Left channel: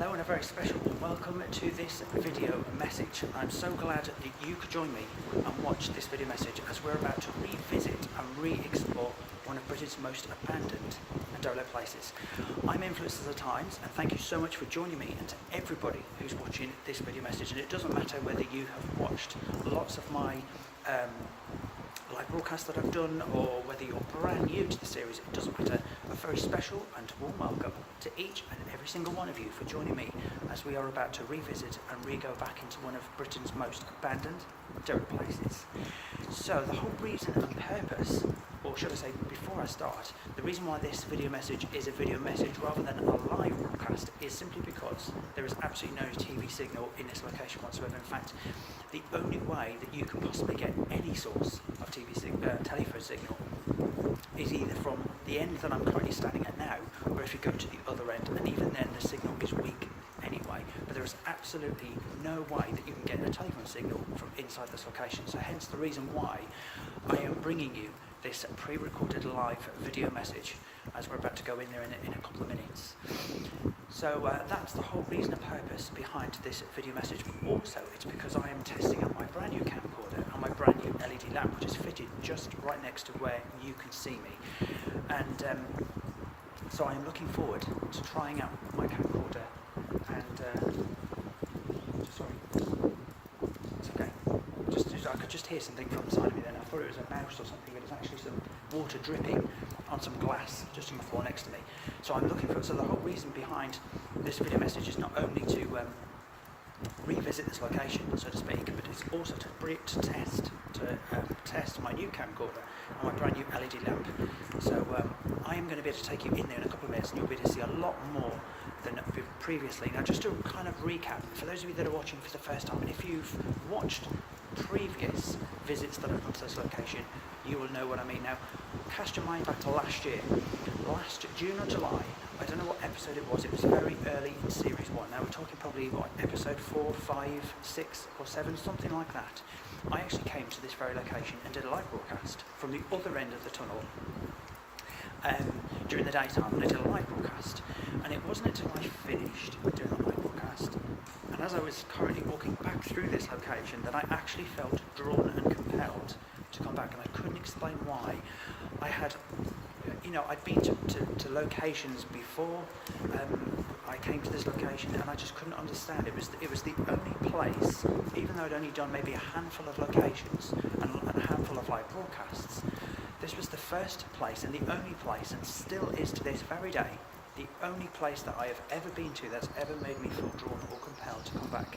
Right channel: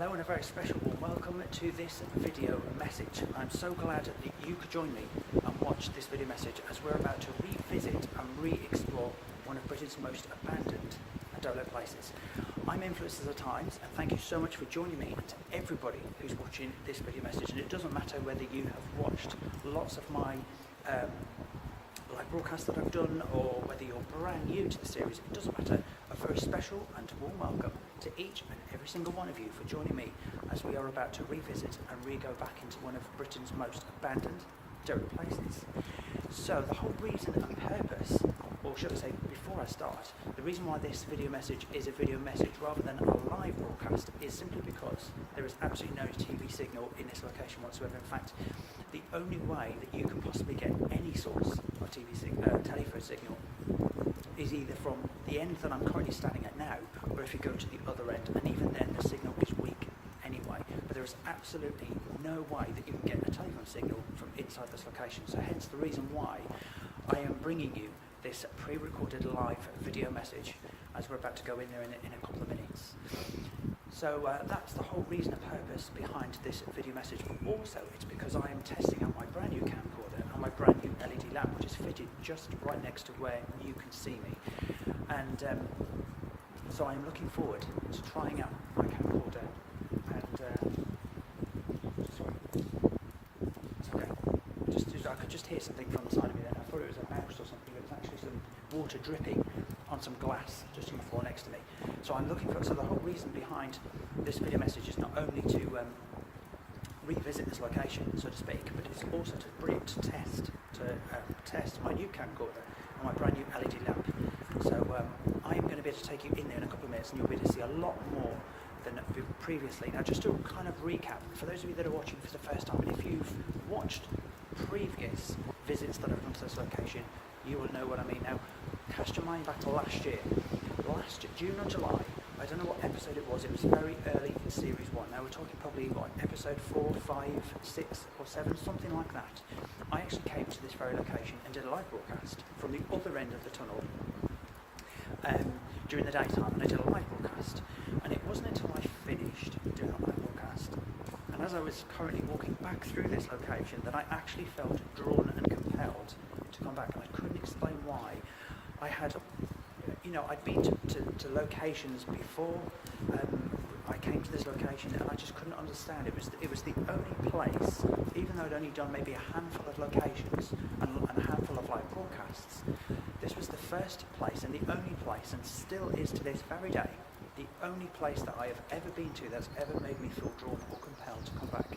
Hello and a very special warm welcome to this video message. I'm so glad that you could join me and watch this video message as we're about to revisit and re-explore one of Britain's most abandoned and derelict places. I'm Influencers at Times, and thank you so much for joining me, and to everybody who's watching this video message. And it doesn't matter whether you have watched lots of my live broadcasts that I've done, or whether you're brand new to the series, it doesn't matter. A very special and warm welcome to each and every single one of you for joining me as we are about to revisit and re-go back into one of Britain's most abandoned derelict places. So the whole reason and purpose, or should I say before I start, the reason why this video message is a video message rather than a live broadcast is simply because there is absolutely no TV signal in this location whatsoever. In fact, the only way that you can possibly get any source of telephone signal is either from the end that I'm currently standing at now, or if you go to the other end, and even then the signal is weak anyway. But there is absolutely no way that you can get a telephone signal from inside this location. So hence the reason why I am bringing you this pre-recorded live video message as we're about to go in there in a couple of minutes. So that's the whole reason and purpose behind this video message, but also it's because I am testing out my brand new camcorder and my brand new LED lamp, which is fitted just right next to where you can see me. And so I am looking forward to trying out my camcorder and sorry, it's okay. I could just hear something from the side of me then. I thought it was a mouse or something, but it's actually some water dripping on some glass just on the floor next to me. So I'm looking for, so the whole reason behind this video message is not only to revisit this location, so to speak, but it's also to bring it to test my new camcorder and my brand new LED lamp. So I am going to be able to take you in there in a couple of minutes, and you'll be able to see a lot more than previously. Now, just to kind of recap, for those of you that are watching for the first time, and if you've watched previous visits that I've done to this location, you will know what I mean. Now, cast your mind back to last year. Last June or July, I don't know what episode it was very early in series 1. Now we're talking probably, what, episode 4, 5, 6 or 7, something like that. I actually came to this very location and did a live broadcast from the other end of the tunnel during the daytime, and I did a live broadcast. And it wasn't until I finished doing that live broadcast, and as I was currently walking back through this location, that I actually felt drawn and compelled to come back, and I couldn't explain why. I had, I'd been to locations before. I came to this location and I just couldn't understand. It was the only place, even though I'd only done maybe a handful of locations and a handful of live broadcasts, this was the first place and the only place, and still is to this very day, the only place that I have ever been to that's ever made me feel drawn or compelled to come back.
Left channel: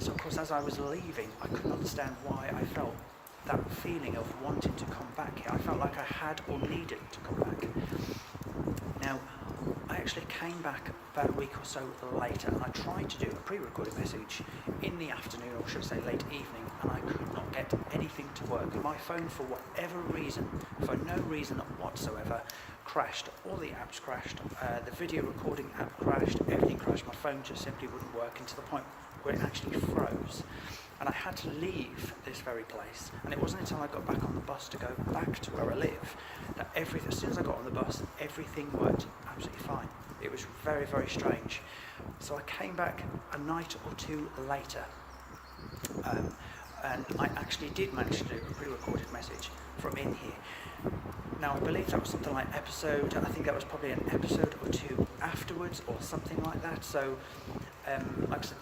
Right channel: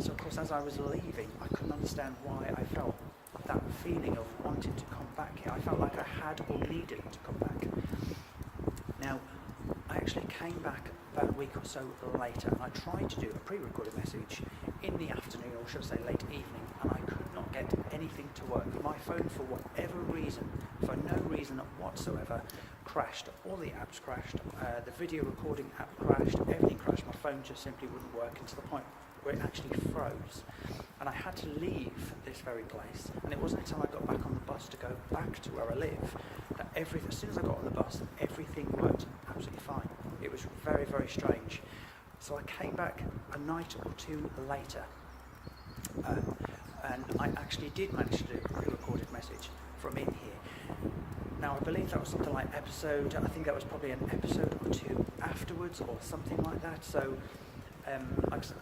So of course, as I was leaving, I couldn't understand why I felt that feeling of wanting to come back here. I felt like I had or needed to come back. Now, I actually came back about a week or so later, and I tried to do a pre-recorded message in the afternoon, or should I say late evening, and I could not get anything to work. My phone, for whatever reason, for no reason whatsoever, crashed. All the apps crashed. The video recording app crashed. Everything crashed. My phone just simply wouldn't work, and to the point where it actually froze. And I had to leave this very place, and it wasn't until I got back on the bus to go back to where I live that as soon as I got on the bus, everything worked absolutely fine. It was very, very strange. So I came back a night or two later, and I actually did manage to do a pre-recorded message from in here. Now, I believe that was something like I think that was probably an episode or two afterwards or something like that. So, like I said,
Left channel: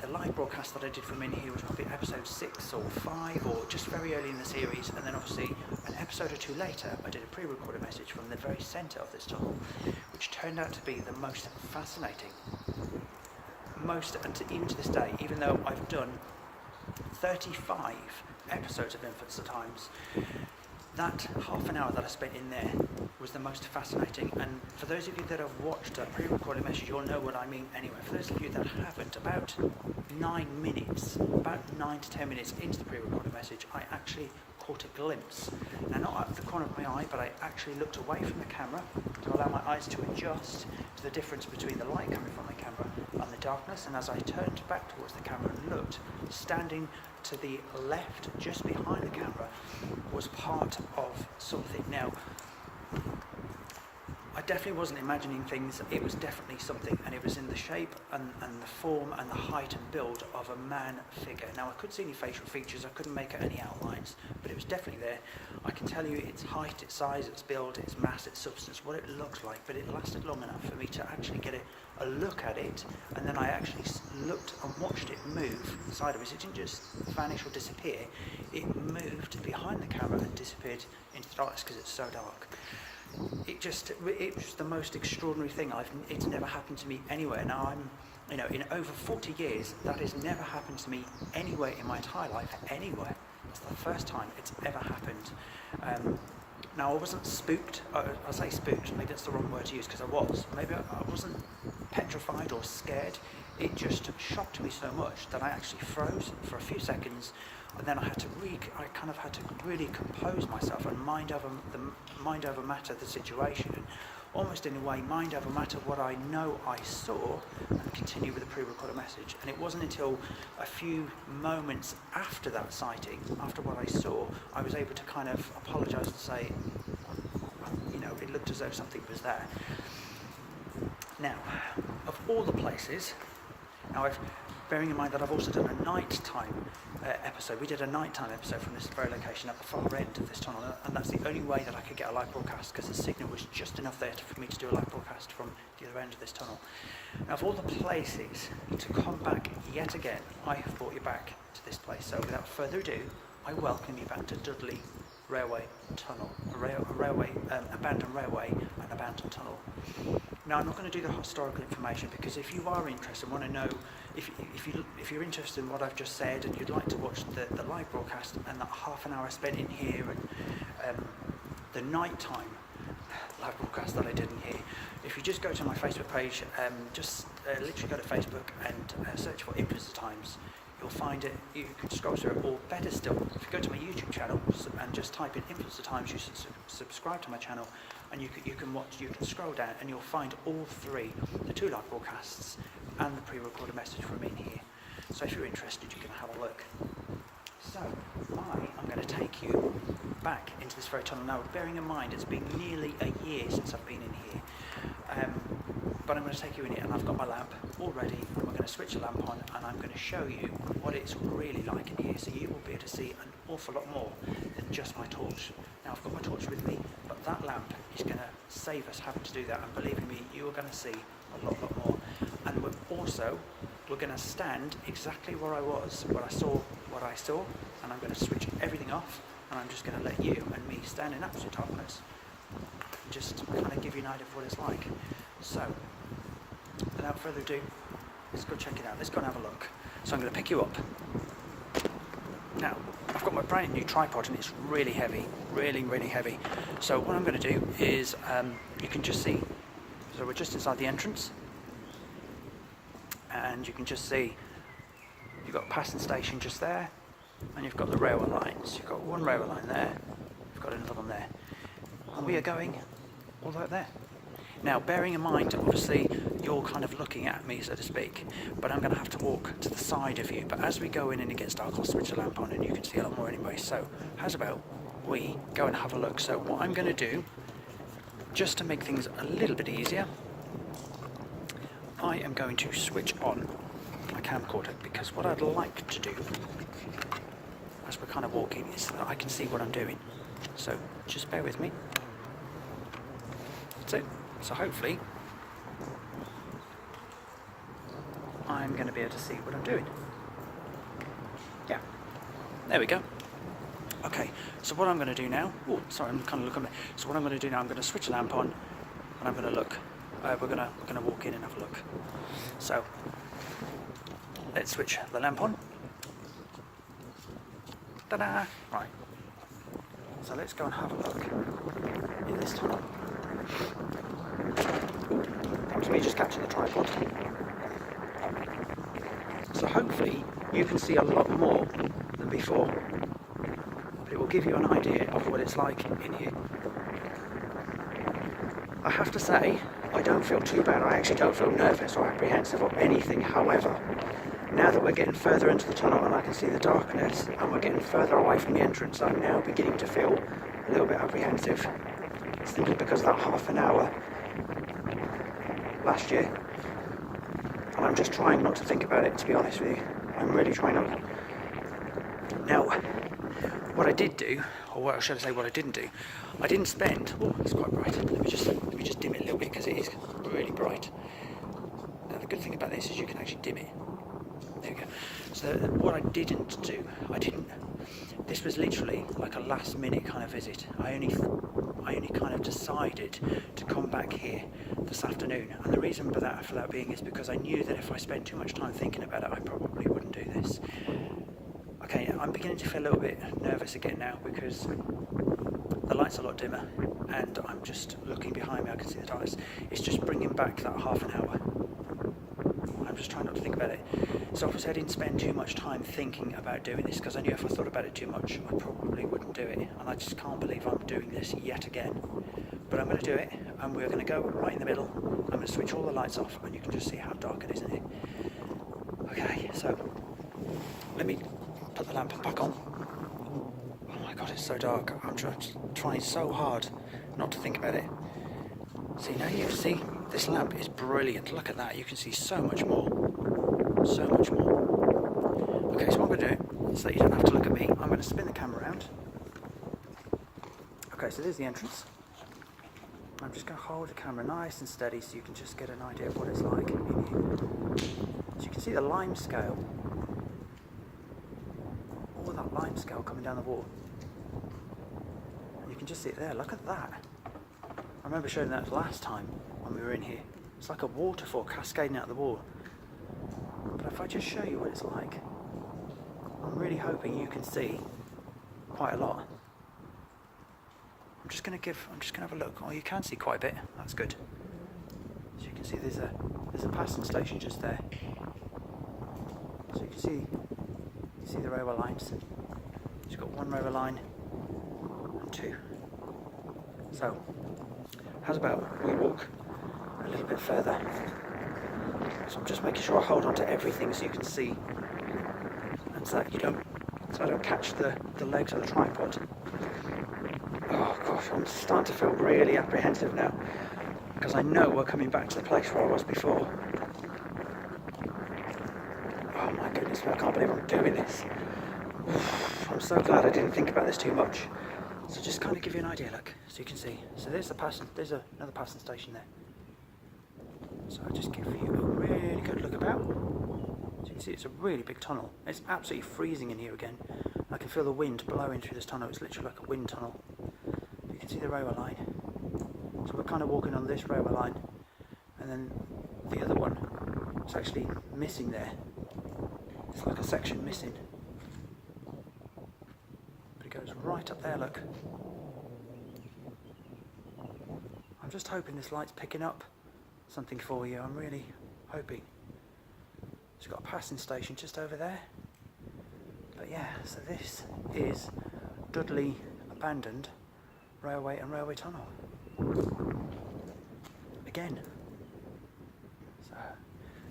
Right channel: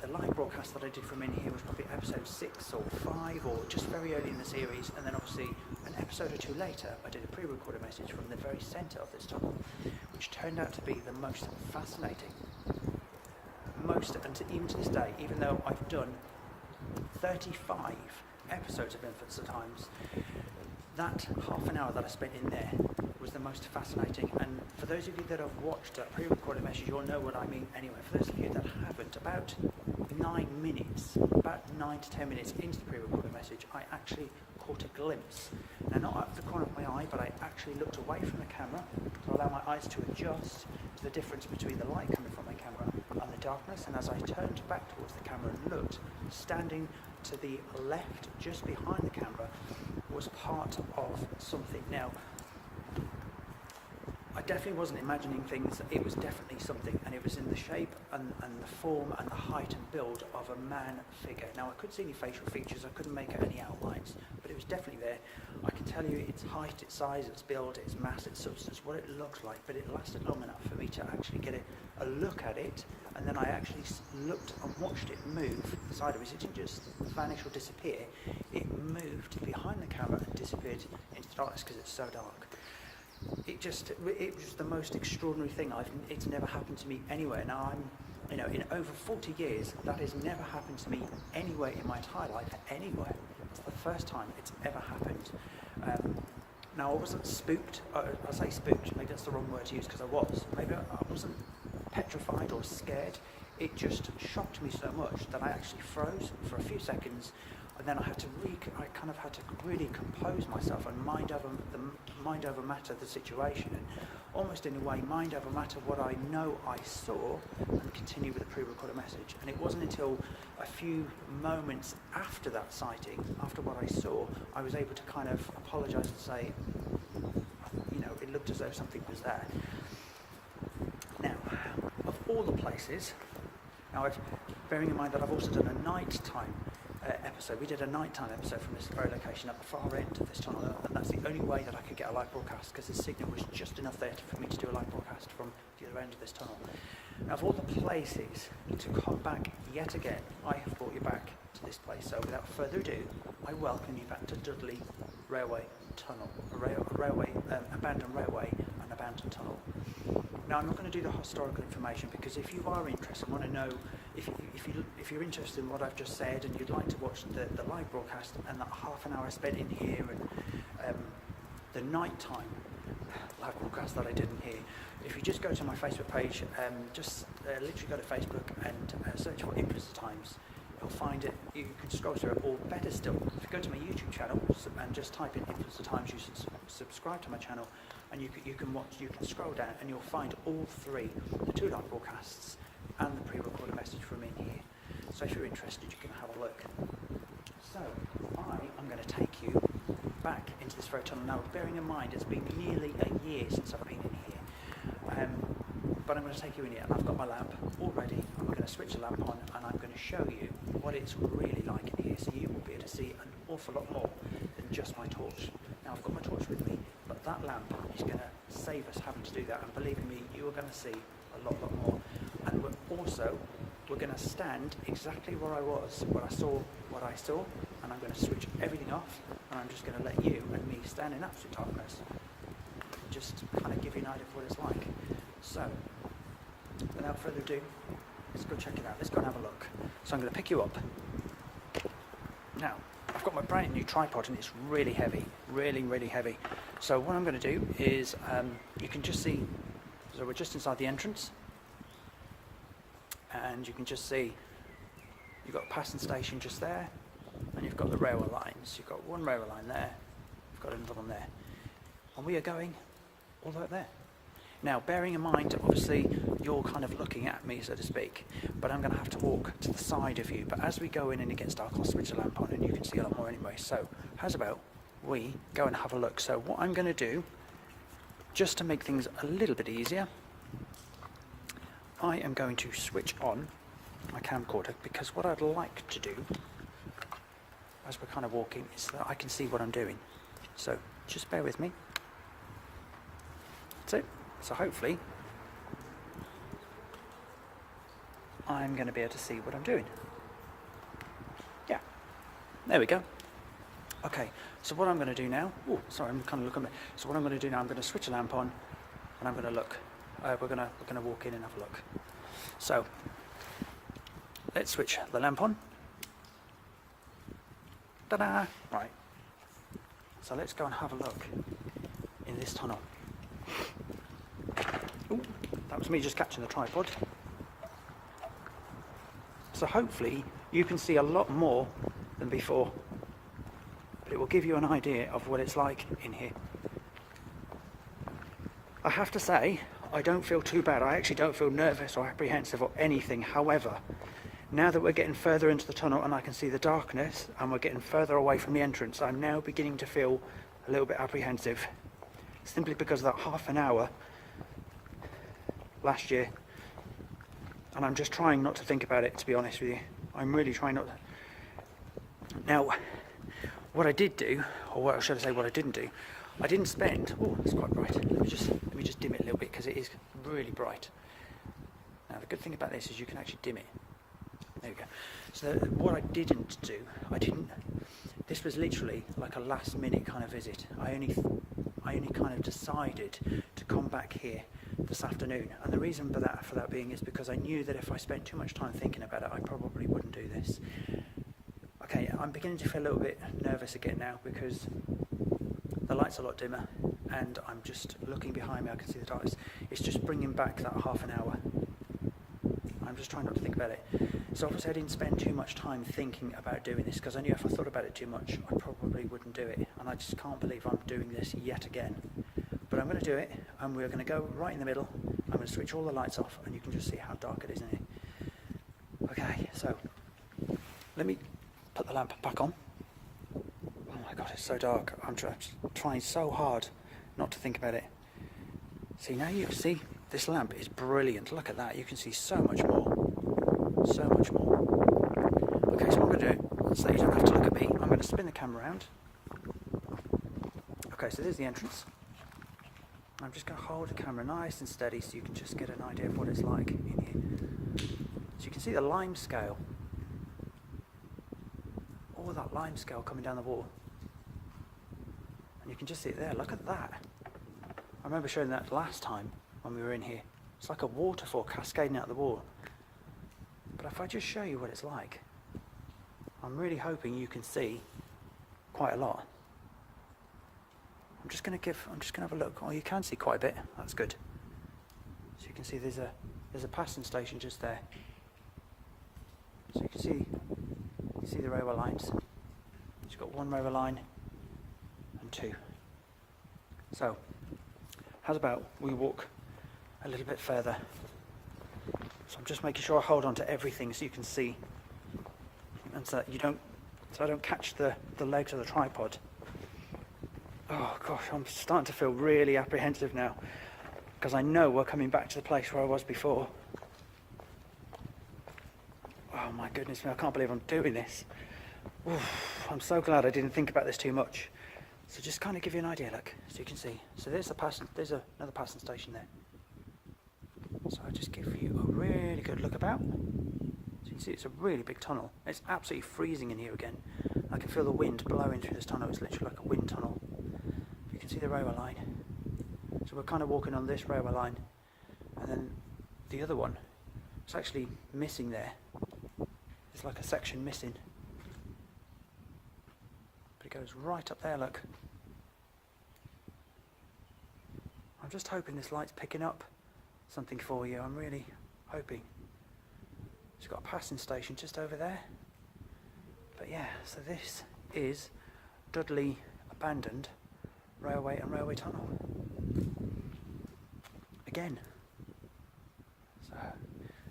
the live broadcast that I did from in here was probably episode 6 or 5, or just very early in the series, and then obviously an episode or two later I did a pre-recorded message from the very centre of this tunnel, which turned out to be the most fascinating, even to this day, even though I've done 35 episodes of Influence at Times, that half an hour that I spent in there was the most fascinating. And for those of you that have watched a pre-recorded message, you'll know what I mean anyway. For those of you that haven't, about 9 to 10 minutes into the pre-recorded message, I actually caught a glimpse. Now, not out of the corner of my eye, but I actually looked away from the camera to allow my eyes to adjust to the difference between the light coming from the camera and the darkness. And as I turned back towards the camera and looked, standing to the left, just behind the camera, was part of something. Now, I definitely wasn't imagining things. It was definitely something, and it was in the shape and the form and the height and build of a man figure. Now, I couldn't see any facial features, I couldn't make out any outlines, but it was definitely there. I can tell you its height, its size, its build, its mass, its substance, what it looked like, but it lasted long enough for me to actually get a look at it, and then I actually looked and watched it move sideways. It didn't just vanish or disappear, it moved behind the camera and disappeared into the darkness because it's so dark. It was the most extraordinary thing. It's never happened to me anywhere. Now in over 40 years, that has never happened to me anywhere in my entire life, anywhere. It's the first time it's ever happened. Now, I wasn't spooked. I say spooked, maybe that's the wrong word to use, because I was. Maybe I wasn't petrified or scared. It just shocked me so much that I actually froze for a few seconds, and then I kind of had to really compose myself and mind over matter the situation, and almost in a way mind over matter what I know I saw, and continue with the pre-recorded message. And it wasn't until a few moments after that sighting, after what I saw, I was able to kind of apologise and say, it looked as though something was there. Now, of all the places, bearing in mind that I've also done a nighttime episode. We did a nighttime episode from this very location at the far end of this tunnel, and that's the only way that I could get a live broadcast, because the signal was just enough there for me to do a live broadcast from the other end of this tunnel. Now, of all the places to come back yet again, I have brought you back to this place. So without further ado, I welcome you back to Dudley Railway Tunnel, abandoned railway and abandoned tunnel. Now, I'm not going to do the historical information, because if you are interested and want to know, if you're interested in what I've just said and you'd like to watch the live broadcast and that half an hour I spent in here and the nighttime live broadcast that I did in here, if you just go to my Facebook page, literally go to Facebook and search for Influence of Times, you'll find it. You can scroll through it, or better still, if you go to my YouTube channel and just type in Influence of Times, you should subscribe to my channel, and you can scroll down and you'll find all three, the two live broadcasts and the pre-recorded message from in here. So if you're interested, you can have a look. So I am going to take you back into this very tunnel now, bearing in mind it's been nearly a year since I've been in here. But I'm going to take you in here, and I've got my lamp all ready, and we're going to switch the lamp on, and I'm going to show you what it's really like in here, so you will be able to see an awful lot more than just my torch. Now, I've got my torch with me, but that lamp is going to save us having to do that, and believe me, you are going to see a lot more. And we're going to stand exactly where I was, where I saw what I saw, and I'm going to switch everything off, and I'm just going to let you and me stand in absolute darkness, just to kind of give you an idea of what it's like. So, without further ado, let's go check it out. Let's go and have a look. So I'm going to pick you up. Now, I've got my brand new tripod, and it's really heavy, really heavy. So what I'm going to do is, you can just see, so we're just inside the entrance, and you can just see you've got a passing station just there, and you've got the railway lines. You've got one railway line there, you've got another one there, and we are going all the way up there. Now, bearing in mind, obviously, you're kind of looking at me, so to speak, but I'm going to have to walk to the side of you. But as we go in and it gets dark, I'll switch the lamp on and you can see a lot more anyway. So, how's about we go and have a look? So what I'm going to do, just to make things a little bit easier, I am going to switch on my camcorder, because what I'd like to do, as we're kind of walking, is that I can see what I'm doing. So, just bear with me. That's it. So hopefully, I'm going to be able to see what I'm doing. Yeah, there we go. Okay, so what I'm going to do now, I'm kind of looking there. So what I'm going to do now, I'm going to switch the lamp on, and I'm going to look. We're going to walk in and have a look. So, let's switch the lamp on. Ta-da! Right. So let's go and have a look in this tunnel. That was me just catching the tripod. So hopefully you can see a lot more than before. It will give you an idea of what it's like in here. I have to say, I don't feel too bad. I actually don't feel nervous or apprehensive or anything. However, now that we're getting further into the tunnel and I can see the darkness and we're getting further away from the entrance, I'm now beginning to feel a little bit apprehensive. Simply because that half an hour last year, and I'm just trying not to think about it, to be honest with you. I'm really trying not to. Now, what I did do, or what should I say, what I didn't do, I didn't spend. Oh, it's quite bright. Let me just dim it a little bit because it is really bright. Now, the good thing about this is you can actually dim it. There we go. So what I didn't do, this was literally like a last minute kind of visit. I only kind of decided to come back here this afternoon, and the reason for that being is because I knew that if I spent too much time thinking about it, I probably wouldn't do this. Okay, I'm beginning to feel a little bit nervous again now because the light's a lot dimmer, and I'm just looking behind me, I can see the darkness. It's just bringing back that half an hour. I'm just trying not to think about it. So obviously I didn't spend too much time thinking about doing this because I knew if I thought about it too much, I probably wouldn't do it. And I just can't believe I'm doing this yet again. But I'm going to do it, and we're going to go right in the middle. I'm going to switch all the lights off, and you can just see how dark it is in here. Okay, so let me put the lamp back on. Oh my god, it's so dark. I'm trying so hard not to think about it. See, now you can see this lamp is brilliant. Look at that. You can see so much more. So much more. Okay, so what I'm going to do, so you don't have to look at me, I'm going to spin the camera around. Okay, so there's the entrance. I'm just going to hold the camera nice and steady so you can just get an idea of what it's like in here. So you can see the lime scale. All that lime scale coming down the wall. And you can just see it there. Look at that. I remember showing that last time when we were in here. It's like a waterfall cascading out the wall. But if I just show you what it's like, I'm really hoping you can see quite a lot. I'm just going to have a look. Oh, you can see quite a bit. That's good. So you can see there's a passing station just there. So you can see the railway lines. You've got one railway line and two. So how's about we walk a little bit further? So I'm just making sure I hold on to everything so you can see, and so I don't catch the legs of the tripod. Oh gosh, I'm starting to feel really apprehensive now because I know we're coming back to the place where I was before. Oh my goodness me, I can't believe I'm doing this. Oof, I'm so glad I didn't think about this too much. So just kind of give you an idea, look, so you can see. So there's another passing station there. So I'll just give you a really good look about. So you can see it's a really big tunnel. It's absolutely freezing in here again. I can feel the wind blowing through this tunnel. It's literally like a wind tunnel. You can see the railway line. So we're kind of walking on this railway line, and then the other one is actually missing there. It's like a section missing. But it goes right up there, look. I'm just hoping this light's picking up something for you. I'm really hoping. It's got a passing station just over there. But yeah, so this is Dudley abandoned railway and railway tunnel. Again. So,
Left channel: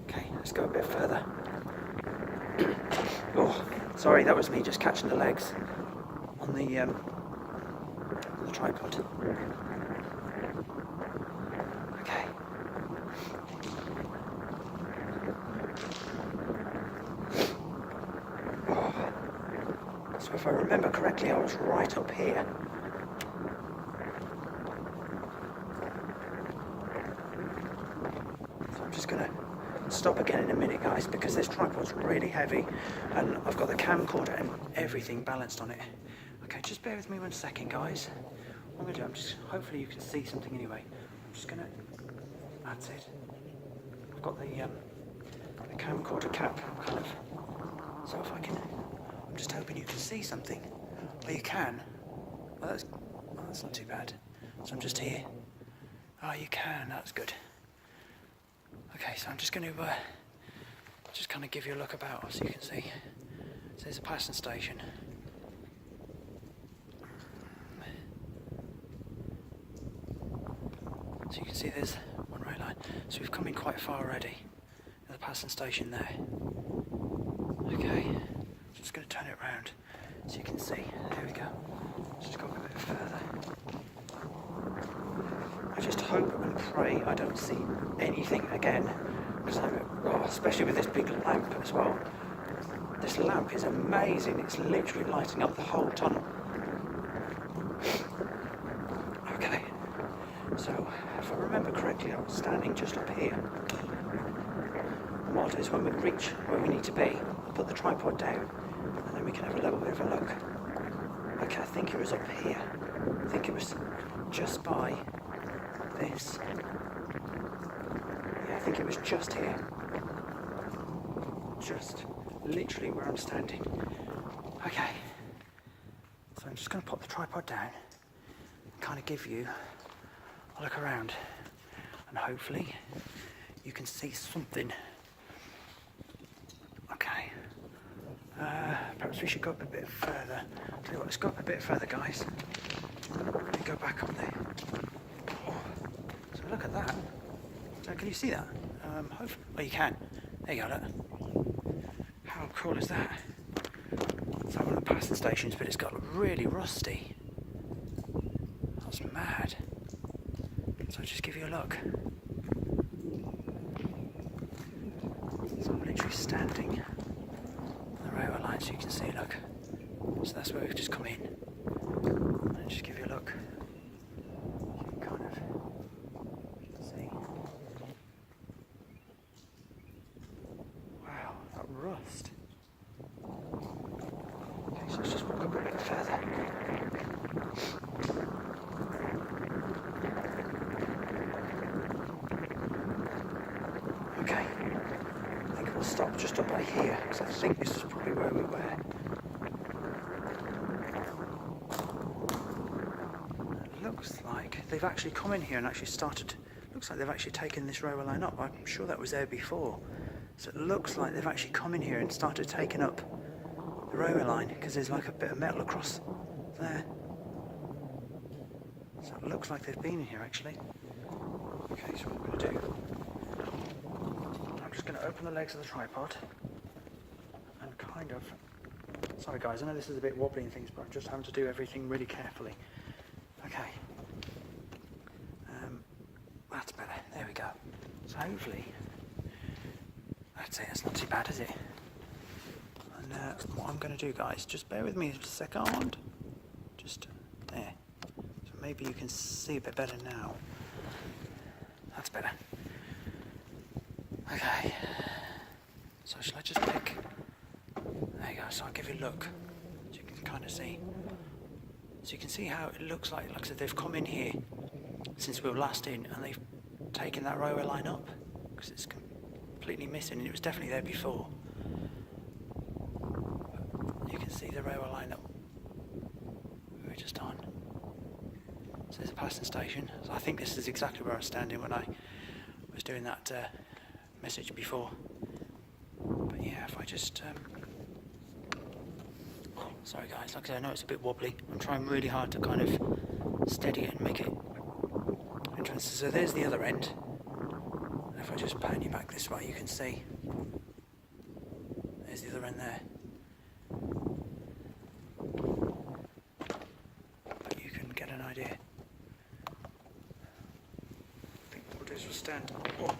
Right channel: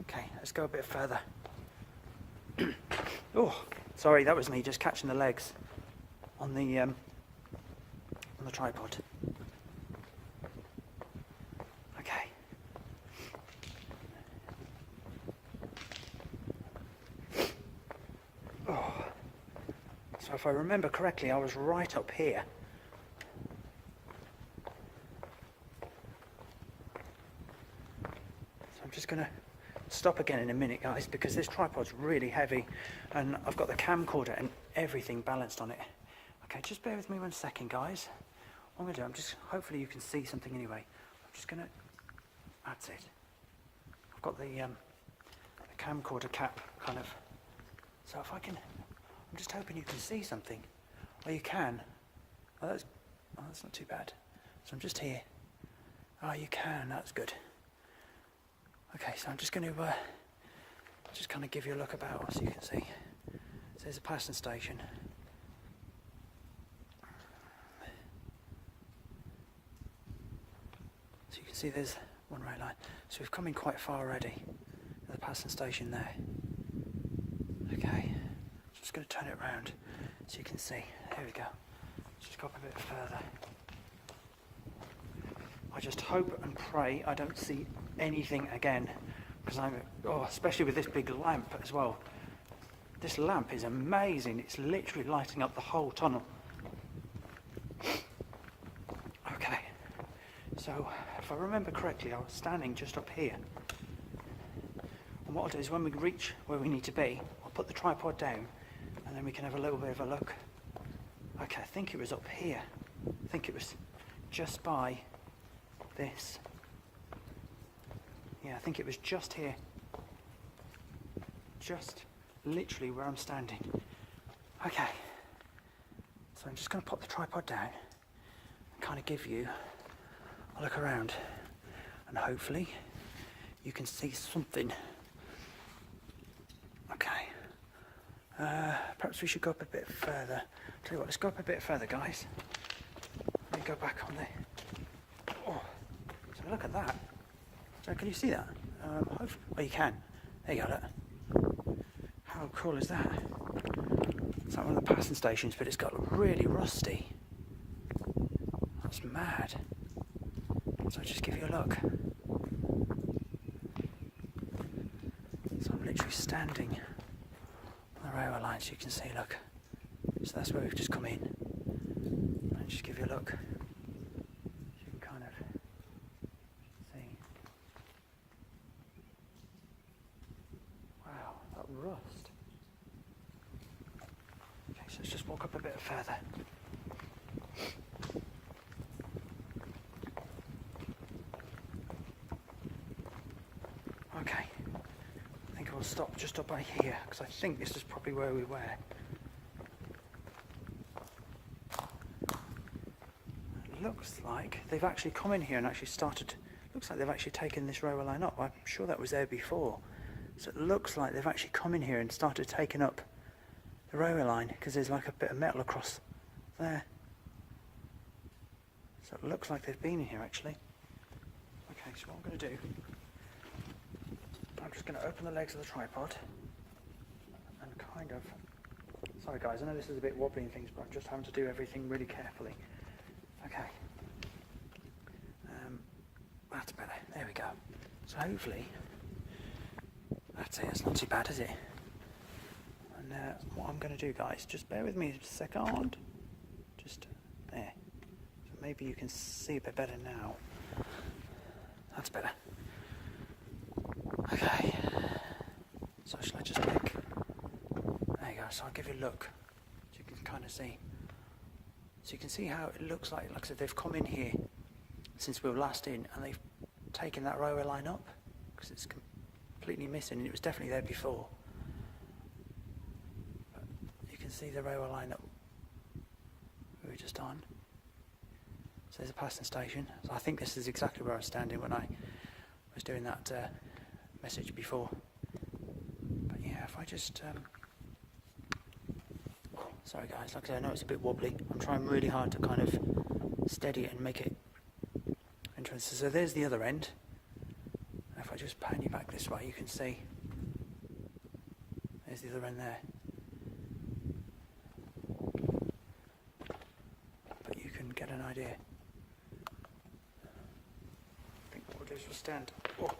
okay, let's go a bit further. Oh, sorry, that was me just catching the legs on the tripod. Okay. Oh. So if I remember correctly, I was right up here. So I'm just going to stop again in a minute, guys, because this tripod's really heavy and I've got the camcorder and everything balanced on it. Okay, just bear with me 1 second, guys. What I'm going to do, hopefully you can see something anyway. I'm just going to, that's it. I've got the camcorder cap kind of, so if I can, I'm just hoping you can see something. Well, you can. Well, that's not too bad. So I'm just here. Oh, you can, that's good. Okay, so I'm just going to just kind of give you a look about so you can see. So there's a passing station. So you can see there's one rail line. So we've come in quite far already. There's a passing station there. Okay, just going to turn it round so you can see. There we go. Just go a bit further. I just hope and pray I don't see anything again, because especially with this big lamp as well. This lamp is amazing. It's literally lighting up the whole tunnel. Okay, so if I remember correctly, I was standing just up here. And what I'll do is when we reach where we need to be, I'll put the tripod down and then we can have a little bit of a look. Okay, I think it was up here. I think it was just by this. Yeah, I think it was just here. Just literally where I'm standing. Okay, so I'm just going to pop the tripod down and kind of give you a look around, and hopefully you can see something. Okay, perhaps we should go up a bit further. Tell you what, let's go up a bit further, guys. Let me go back on there. Oh, so look at that. So can you see that? Hopefully, oh, you can. There you go, look. How cool is that? It's like one of the passing stations, but it's got really rusty. That's mad. So I'll just give you a look. So I'm literally standing on the railway line so you can see, look. So that's where we've just come in. And just give you a look. Kind of see. Wow, that rust. Okay, so let's just walk up a bit further. Okay, I think we'll stop just up by here, because I think this is probably where we were. It looks like they've actually come in here and actually started, looks like they've actually taken this railway line up. I'm sure that was there before. So it looks like they've actually come in here and started taking up the railway line, because there's like a bit of metal across there. So it looks like they've been here actually. Okay, so what I'm going to do, I'm just going to open the legs of the tripod and kind of, sorry guys, I know this is a bit wobbly and things, but I'm just having to do everything really carefully. Okay, that's better, there we go. So hopefully, that's it, it's not too bad, is it? And what I'm going to do, guys, just bear with me a second, just there. So maybe you can see a bit better now. That's better. Okay, so shall I just pick, there you go, so I'll give you a look, so you can kind of see. So you can see how it looks like I said, they've come in here since we were last in, and they've taken that railway line up, because it's completely missing, and it was definitely there before. But you can see the railway line that we were just on. So there's a passing station, so I think this is exactly where I was standing when I was doing that message before. But yeah, if I just sorry guys, like I said, I know it's a bit wobbly. I'm trying really hard to kind of steady it and make it interesting. So there's the other end. And if I just pan you back this way, you can see there's the other end there. But you can get an idea. I think what we'll do is we'll stand on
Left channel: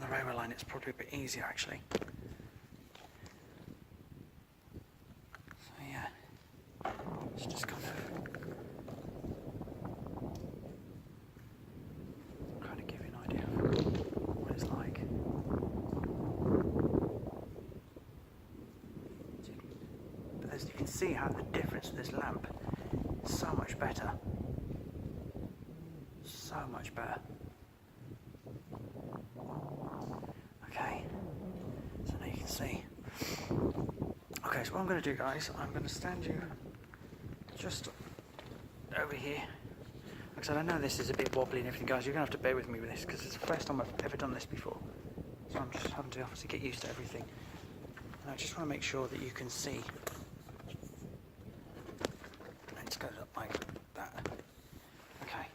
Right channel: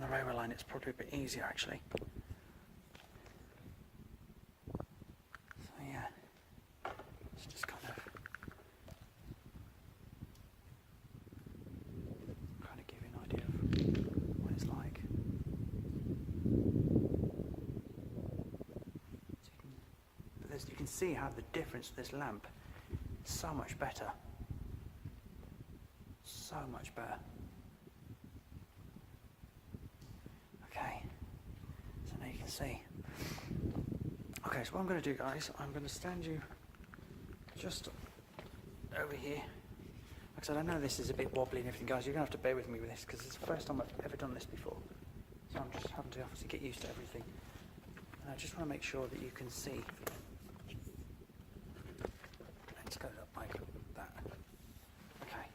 the railway line. It's probably a bit easier actually. Just kind of give you an idea of what it's like. But as you can see how the difference of this lamp is so much better. So much better. Okay, so now you can see. Okay, so what I'm going to do, guys, I'm going to stand you just over here. Like I said, I know this is a bit wobbly and everything, guys. You're going to have to bear with me with this, because it's the first time I've ever done this before. So I'm just having to obviously get used to everything. And I just want to make sure that you can see. Let's go up like that. Okay.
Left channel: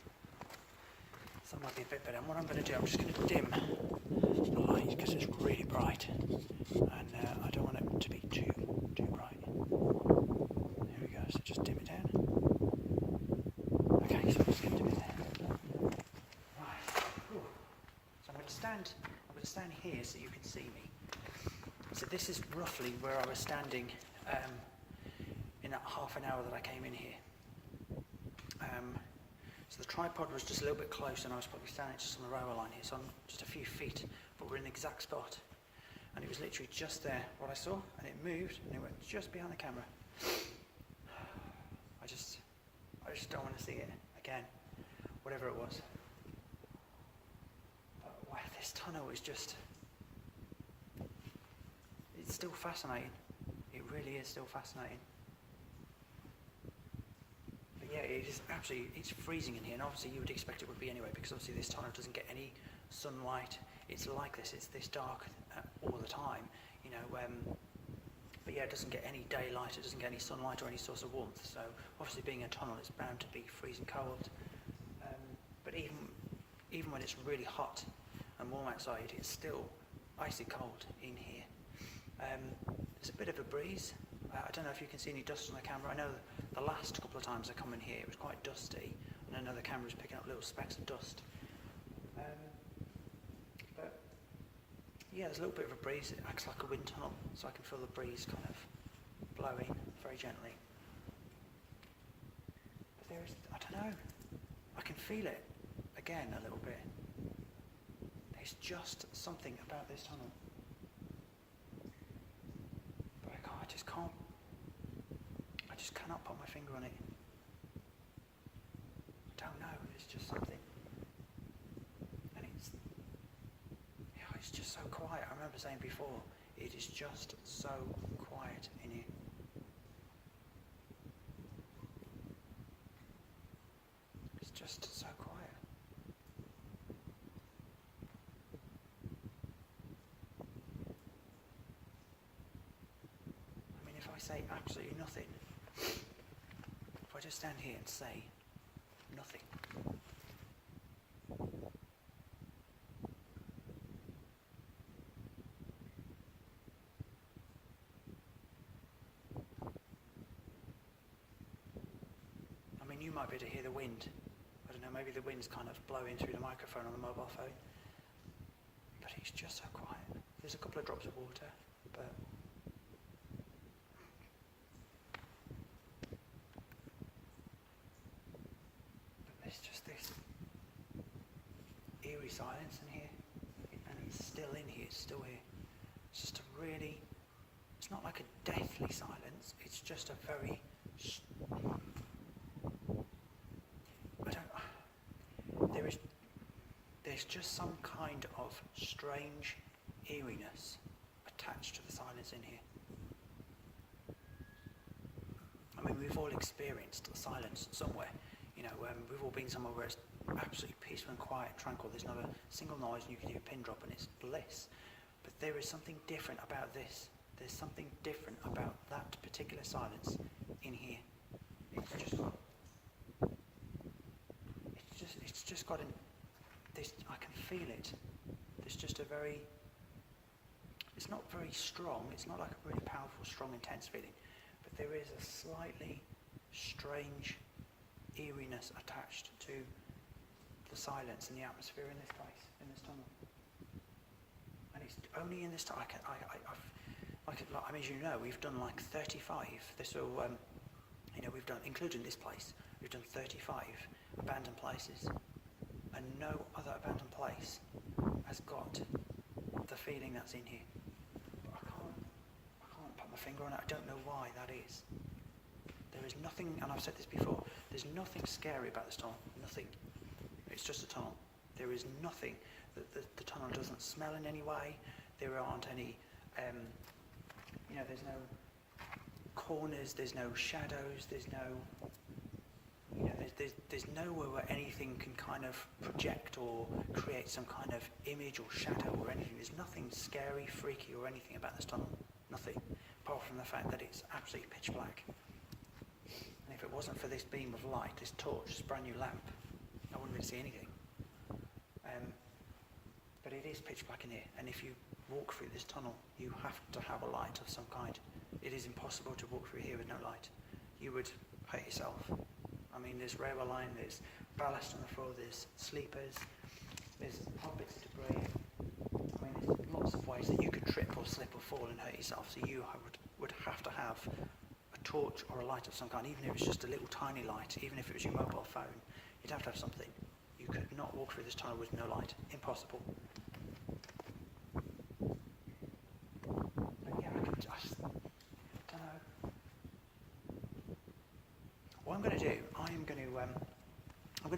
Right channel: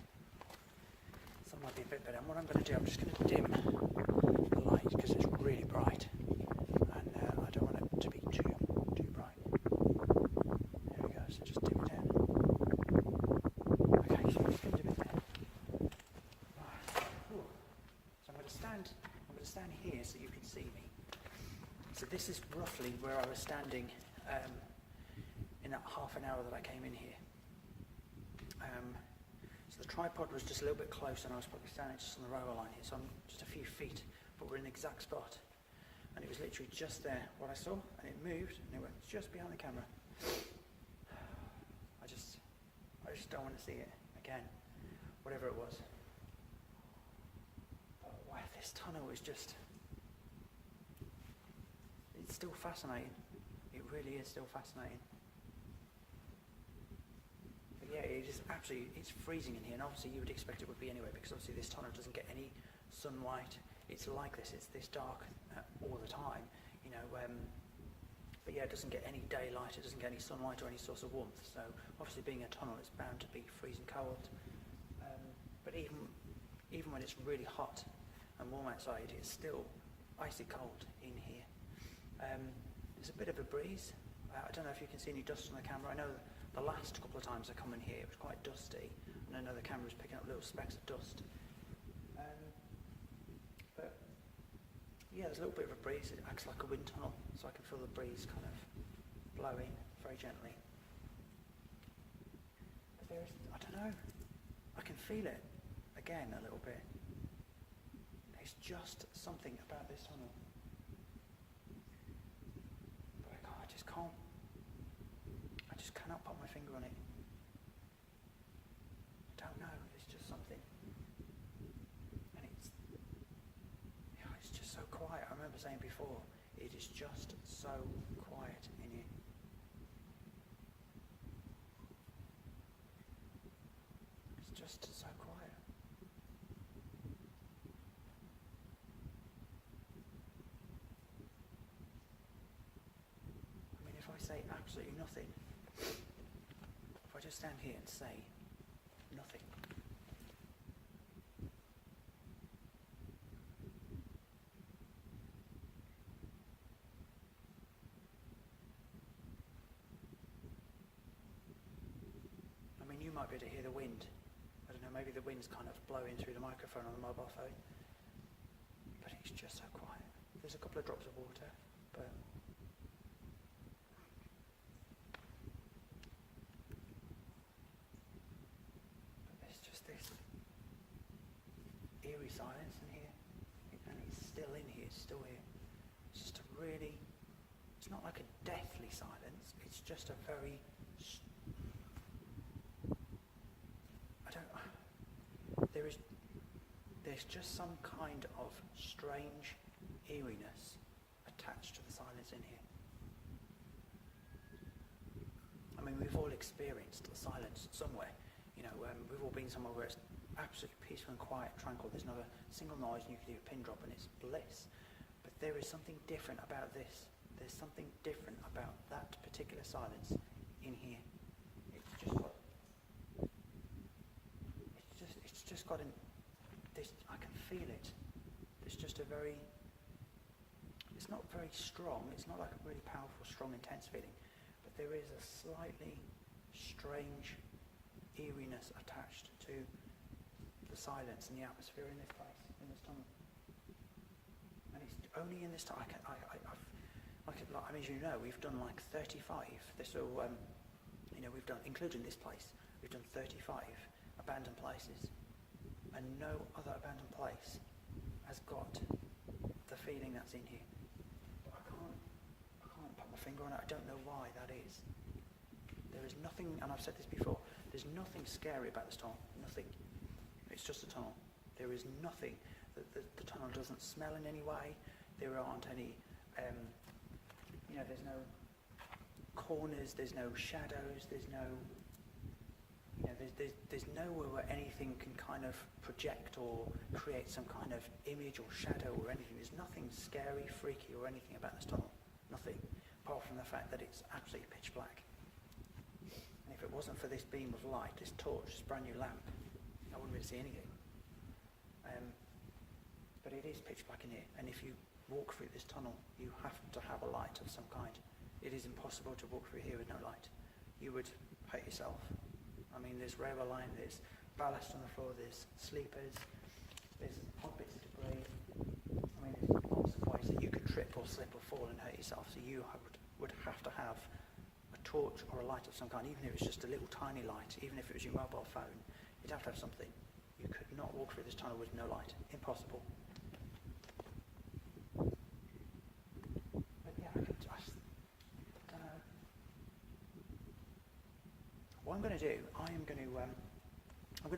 So that might be a bit better. And what I'm going to do, I'm just going to dim the light, because it's really bright. And I don't want it to be too bright. There we go, so just dim it down. Okay, so I'm just going to do it there. Right. stand here so you can see me. So this is roughly where I was standing in that half an hour that I came in here. So the tripod was just a little bit close, and I was probably standing just on the railway line here, so I'm just a few feet, but we're in the exact spot. And it was literally just there, what I saw, and it moved, and it went just behind the camera. I just don't want to see it again, whatever it was. But wow, this tunnel is just, it's still fascinating. It really is still fascinating. But yeah, it is absolutely, it's freezing in here, and obviously you would expect it would be anyway, because obviously this tunnel doesn't get any sunlight. It's like this, it's this dark all the time, you know, but yeah, it doesn't get any daylight, it doesn't get any sunlight or any source of warmth, so obviously being a tunnel, it's bound to be freezing cold. But even when it's really hot and warm outside, it's still icy cold in here. There's a bit of a breeze. I don't know if you can see any dust on the camera. I know the last couple of times I come in here, it was quite dusty, and I know the camera was picking up little specks of dust. But yeah, there's a little bit of a breeze. It acts like a wind tunnel, so I can feel the breeze kind of blowing very gently. But there is, I don't know, I can feel it again a little bit. There's just something about this tunnel. But I just can't, I just cannot put my finger on it. I don't know, it's just something. And it's just so quiet. I remember saying before, it is just so quiet in here. It's just so quiet. I mean, if I say absolutely nothing, if I just stand here and say nothing, I mean, you might be able to hear the wind. I don't know, maybe the wind's kind of blowing through the microphone on the mobile phone. But it's just so quiet. There's a couple of drops of water, but there's just this eerie silence in here. And it's still in here, it's still here. It's just a really, it's not like a deathly silence, it's just a very, there's just some kind of strange eeriness attached to the silence in here. I mean, we've all experienced the silence somewhere. You know, we've all been somewhere where it's absolutely peaceful and quiet, tranquil. There's not a single noise, and you can hear a pin drop, and it's bliss. But there is something different about this. There's something different about that particular silence in here. It's just got an. This, I can feel it. There's just a very. It's not very strong. It's not like a really powerful, strong, intense feeling, but there is a slightly strange eeriness attached to the silence and the atmosphere in this place, in this tunnel. And it's only in this tunnel. I mean, as you know, we've done like 35. This will, we've done, including this place, we've done 35 abandoned places, and no other abandoned place has got the feeling that's in here. But I can't put my finger on it. I don't know why that is. There is nothing, and I've said this before, there's nothing scary about this tunnel. Nothing. It's just a tunnel. There is nothing. The tunnel doesn't smell in any way. There aren't any, there's no corners, there's no shadows, there's no, there's nowhere where anything can kind of project or create some kind of image or shadow or anything. There's nothing scary, freaky or anything about this tunnel. Nothing. Apart from the fact that it's absolutely pitch black. And if it wasn't for this beam of light, this torch, this brand new lamp, I wouldn't really see anything. But it is pitch black in here, and if you walk through this tunnel, you have to have a light of some kind. It is impossible to walk through here with no light. You would hurt yourself. I mean, there's railway line, there's ballast on the floor, there's sleepers, there's odd bits of debris. I mean, lots of ways that you could trip or slip or fall and hurt yourself. So you would have to have a torch or a light of some kind, even if it's just a little tiny light, even if it was your mobile phone, you'd have to have something. You could not walk through this tunnel with no light. Impossible. But yeah, I don't know. What I'm going to do, I'm going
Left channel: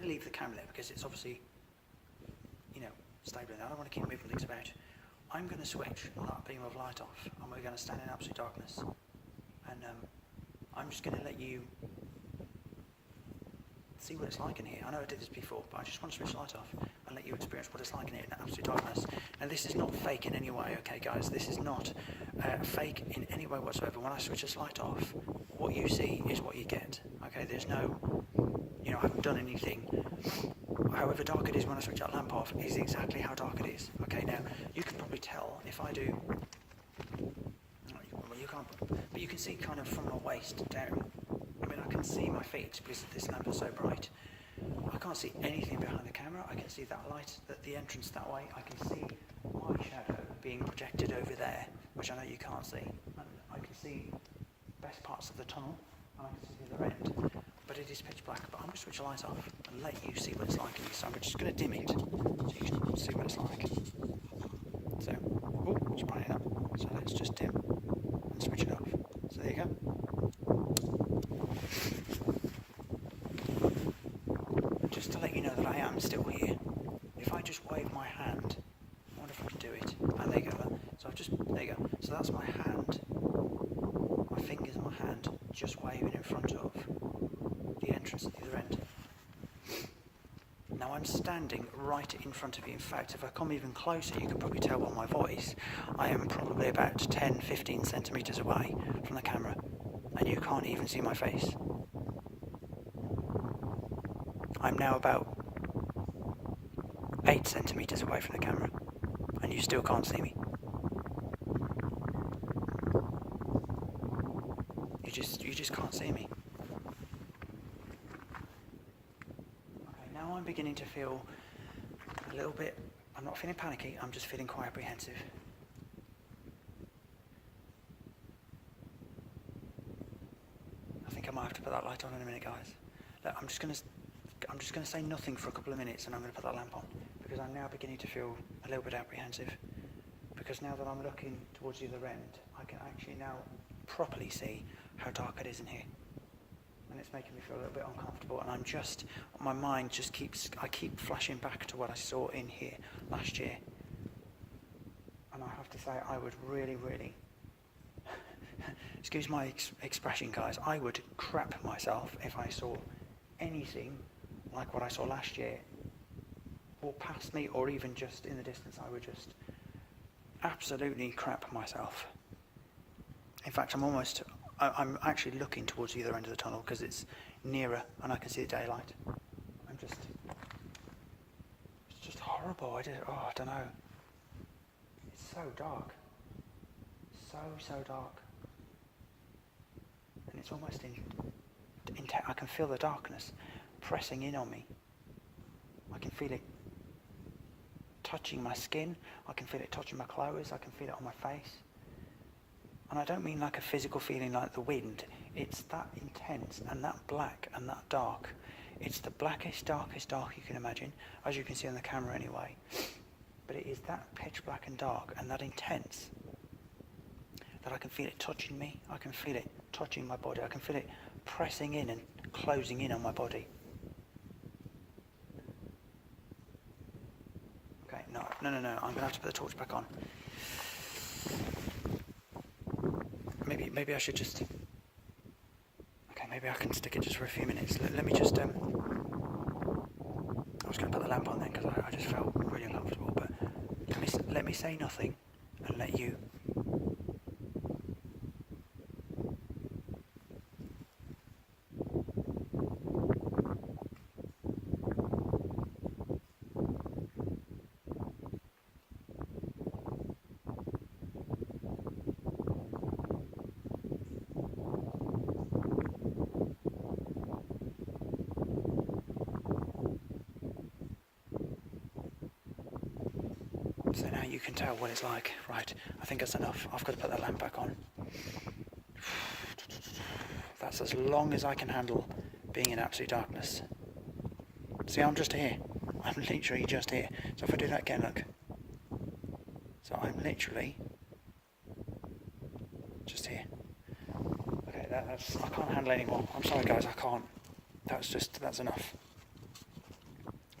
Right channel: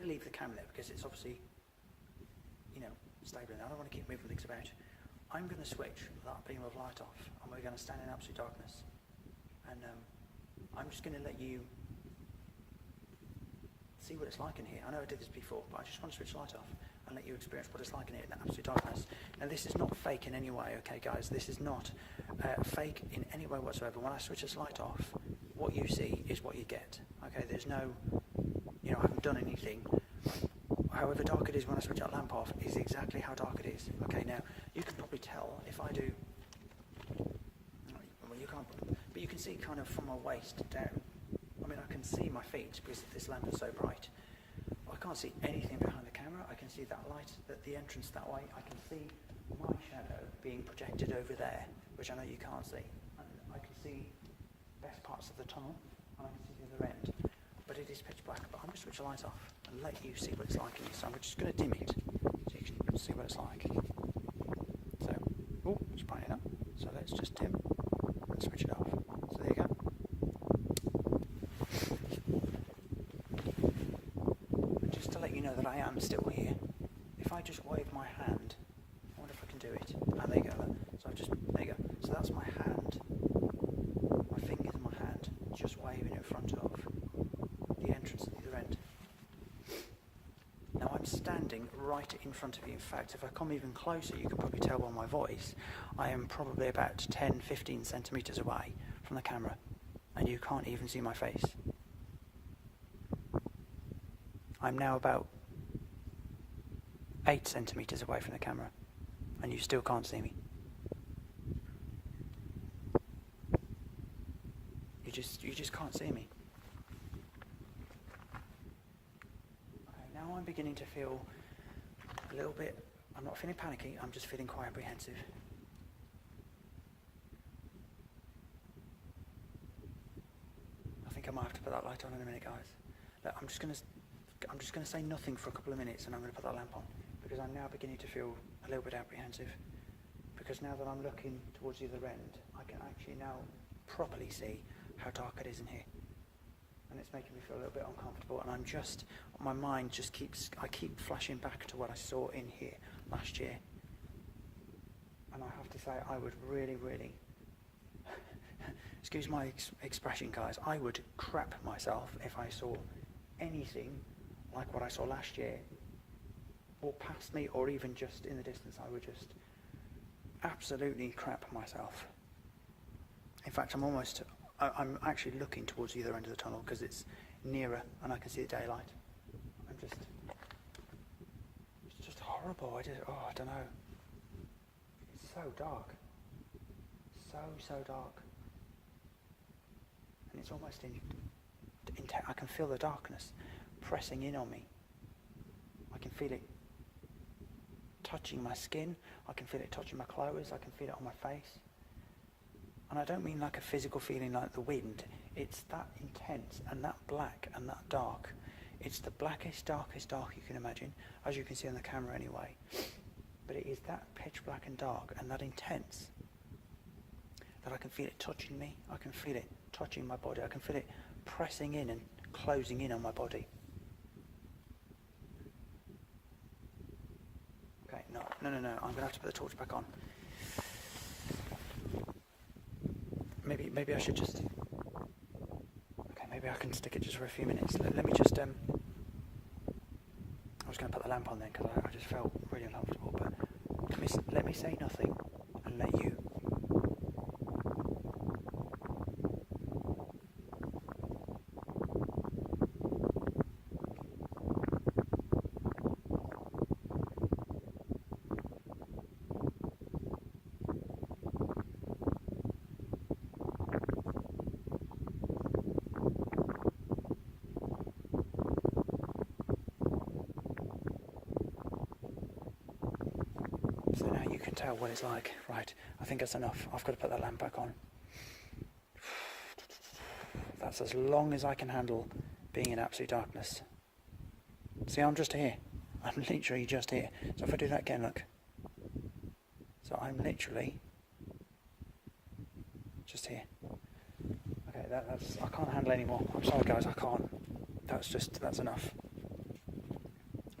to leave the camera there because it's obviously, stable. I don't want to keep moving things about. I'm going to switch that beam of light off, and we're going to stand in absolute darkness. And I'm just going to let you see what it's like in here. I know I did this before, but I just want to switch the light off and let you experience what it's like in here in absolute darkness. Now, this is not fake in any way, okay, guys? This is not fake in any way whatsoever. When I switch this light off, what you see is what you get, okay? There's no, I haven't done anything. However dark it is when I switch that lamp off is exactly how dark it is. Okay, now, you can probably tell if I do... Well, you can't, but you can see kind of from my waist down. I mean, I can see my feet because this lamp is so bright. I can't see anything behind the camera. I can see that light at the entrance that way. I can see my shadow being projected over there, which I know you can't see. And I can see best parts of the tunnel, and I can see the other end. But it is pitch black. But I'm going to switch the light off and let you see what it's like in here. So I'm just going to dim it so you can see what it's like. So, it's bright up. So let's just dim and switch it off. So there you go. And just to let you know that I am still here, if I just wave my hand, I wonder if I can do it. And there you go. So there you go. So that's my hand, my fingers and my hand just waving in front of the entrance at the other end. Now I'm standing right in front of you. In fact, if I come even closer, you can probably tell by my voice, I am probably about 10-15 centimetres away from the camera, and you can't even see my face. I'm now about 8 centimetres away from the camera, and you still can't see me. You just can't see me. Now I'm beginning to feel a little bit, I'm not feeling panicky, I'm just feeling quite apprehensive. I think I might have to put that light on in a minute, guys. Look, I'm just going to say nothing for a couple of minutes and I'm going to put that lamp on, because I'm now beginning to feel a little bit apprehensive. Because now that I'm looking towards the other end, I can actually now properly see how dark it is in here. And it's making me feel a little bit uncomfortable, and my mind just I keep flashing back to what I saw in here last year. And I have to say, I would really, really, excuse my expression, guys, I would crap myself if I saw anything like what I saw last year, or past me, or even just in the distance. I would just absolutely crap myself. In fact, I'm actually looking towards the other end of the tunnel because it's nearer and I can see the daylight. It's just horrible. I don't know. It's so dark. So dark. And it's almost I can feel the darkness pressing in on me. I can feel it touching my skin. I can feel it touching my clothes. I can feel it on my face. And I don't mean like a physical feeling like the wind. It's that intense and that black and that dark. It's the blackest, darkest dark you can imagine, as you can see on the camera anyway. But it is that pitch black and dark and that intense that I can feel it touching me. I can feel it touching my body. I can feel it pressing in and closing in on my body. Okay, no. I'm going to have to put the torch back on. Maybe I should just... Okay, maybe I can stick it just for a few minutes. Let me just... I was going to put the lamp on then because I just felt really uncomfortable, but let me say nothing and let you... So now you can tell what it's like. Right, I think that's enough. I've got to put that lamp back on. That's as long as I can handle being in absolute darkness. See, I'm just here. I'm literally just here. So if I do that again, look. So I'm literally just here. Okay, that's I can't handle anymore. I'm sorry guys, I can't. That's enough.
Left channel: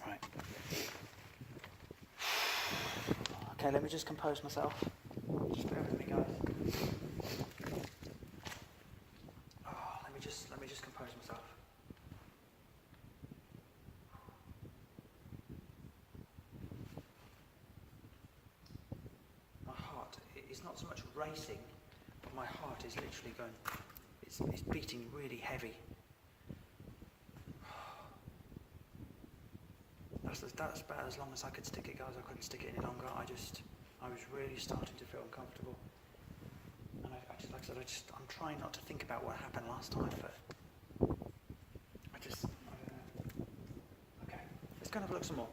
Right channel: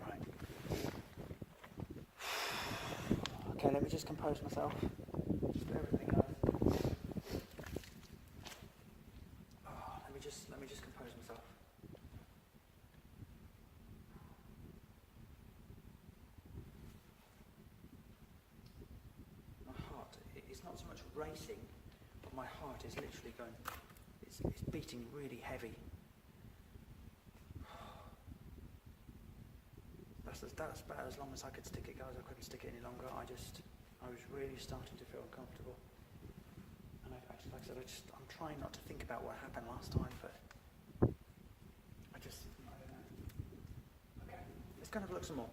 Right. Okay, let me just compose myself. Just bear with me guys. Let me just compose myself. My heart is not so much racing, but my heart is literally going, it's beating really heavy. That's about as long as I could stick it, guys. I couldn't stick it any longer. I was really starting to feel uncomfortable. And like I said, I'm trying not to think about what happened last time, but I don't know. Okay, let's go and have a look some more.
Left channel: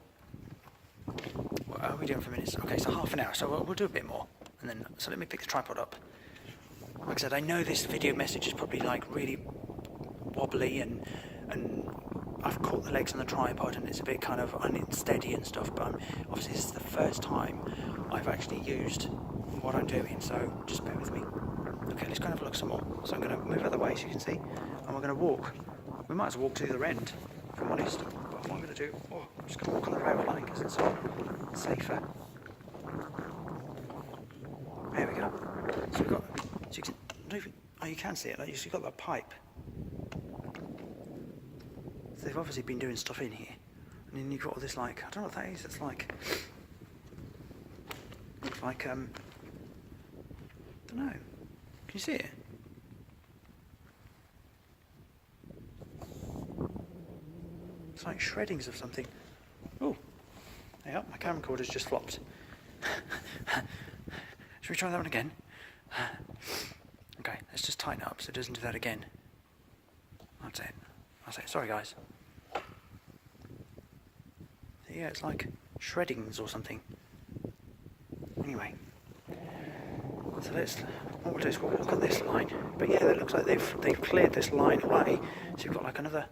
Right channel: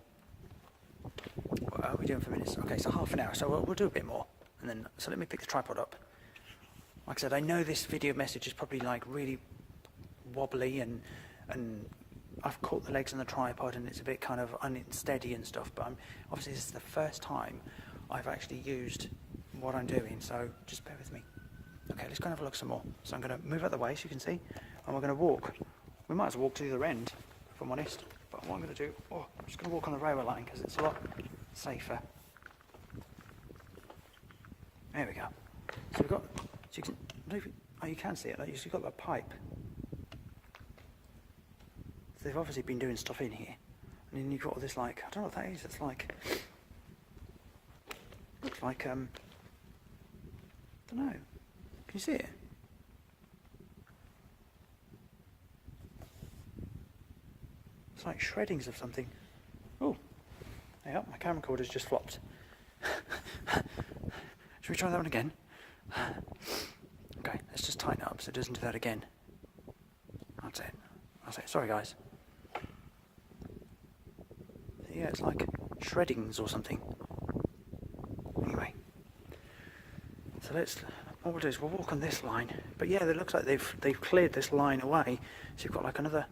What are we doing for minutes? Okay, so half an hour, so we'll do a bit more. And then, so let me pick the tripod up. Like I said, I know this video message is probably like really wobbly and I've caught the legs on the tripod and it's a bit kind of unsteady and stuff, but obviously this is the first time I've actually used what I'm doing, so just bear with me. Okay, let's go and have a look some more. So I'm going to move out of the way so you can see, and we're going to walk. We might as well walk to the other end, if I'm honest. But what I'm going to do, I'm just going to walk on the railway line because it's a lot safer. There we go. So we've got, so you can, you can see it, you've got that pipe. So they've obviously been doing stuff in here. And then you've got all this like, I don't know what that is, it's like, looks like, I don't know. Can you see it? It's like shreddings of something. Oh, yeah, my camera recorder's just flopped. Should we try that one again? Okay, let's just tighten it up so it doesn't do that again. That's it. Sorry guys. Yeah, it's like shreddings or something. Anyway. So what we'll do is we'll walk on this line. But yeah, it looks like they've cleared this line away. So you've got like another,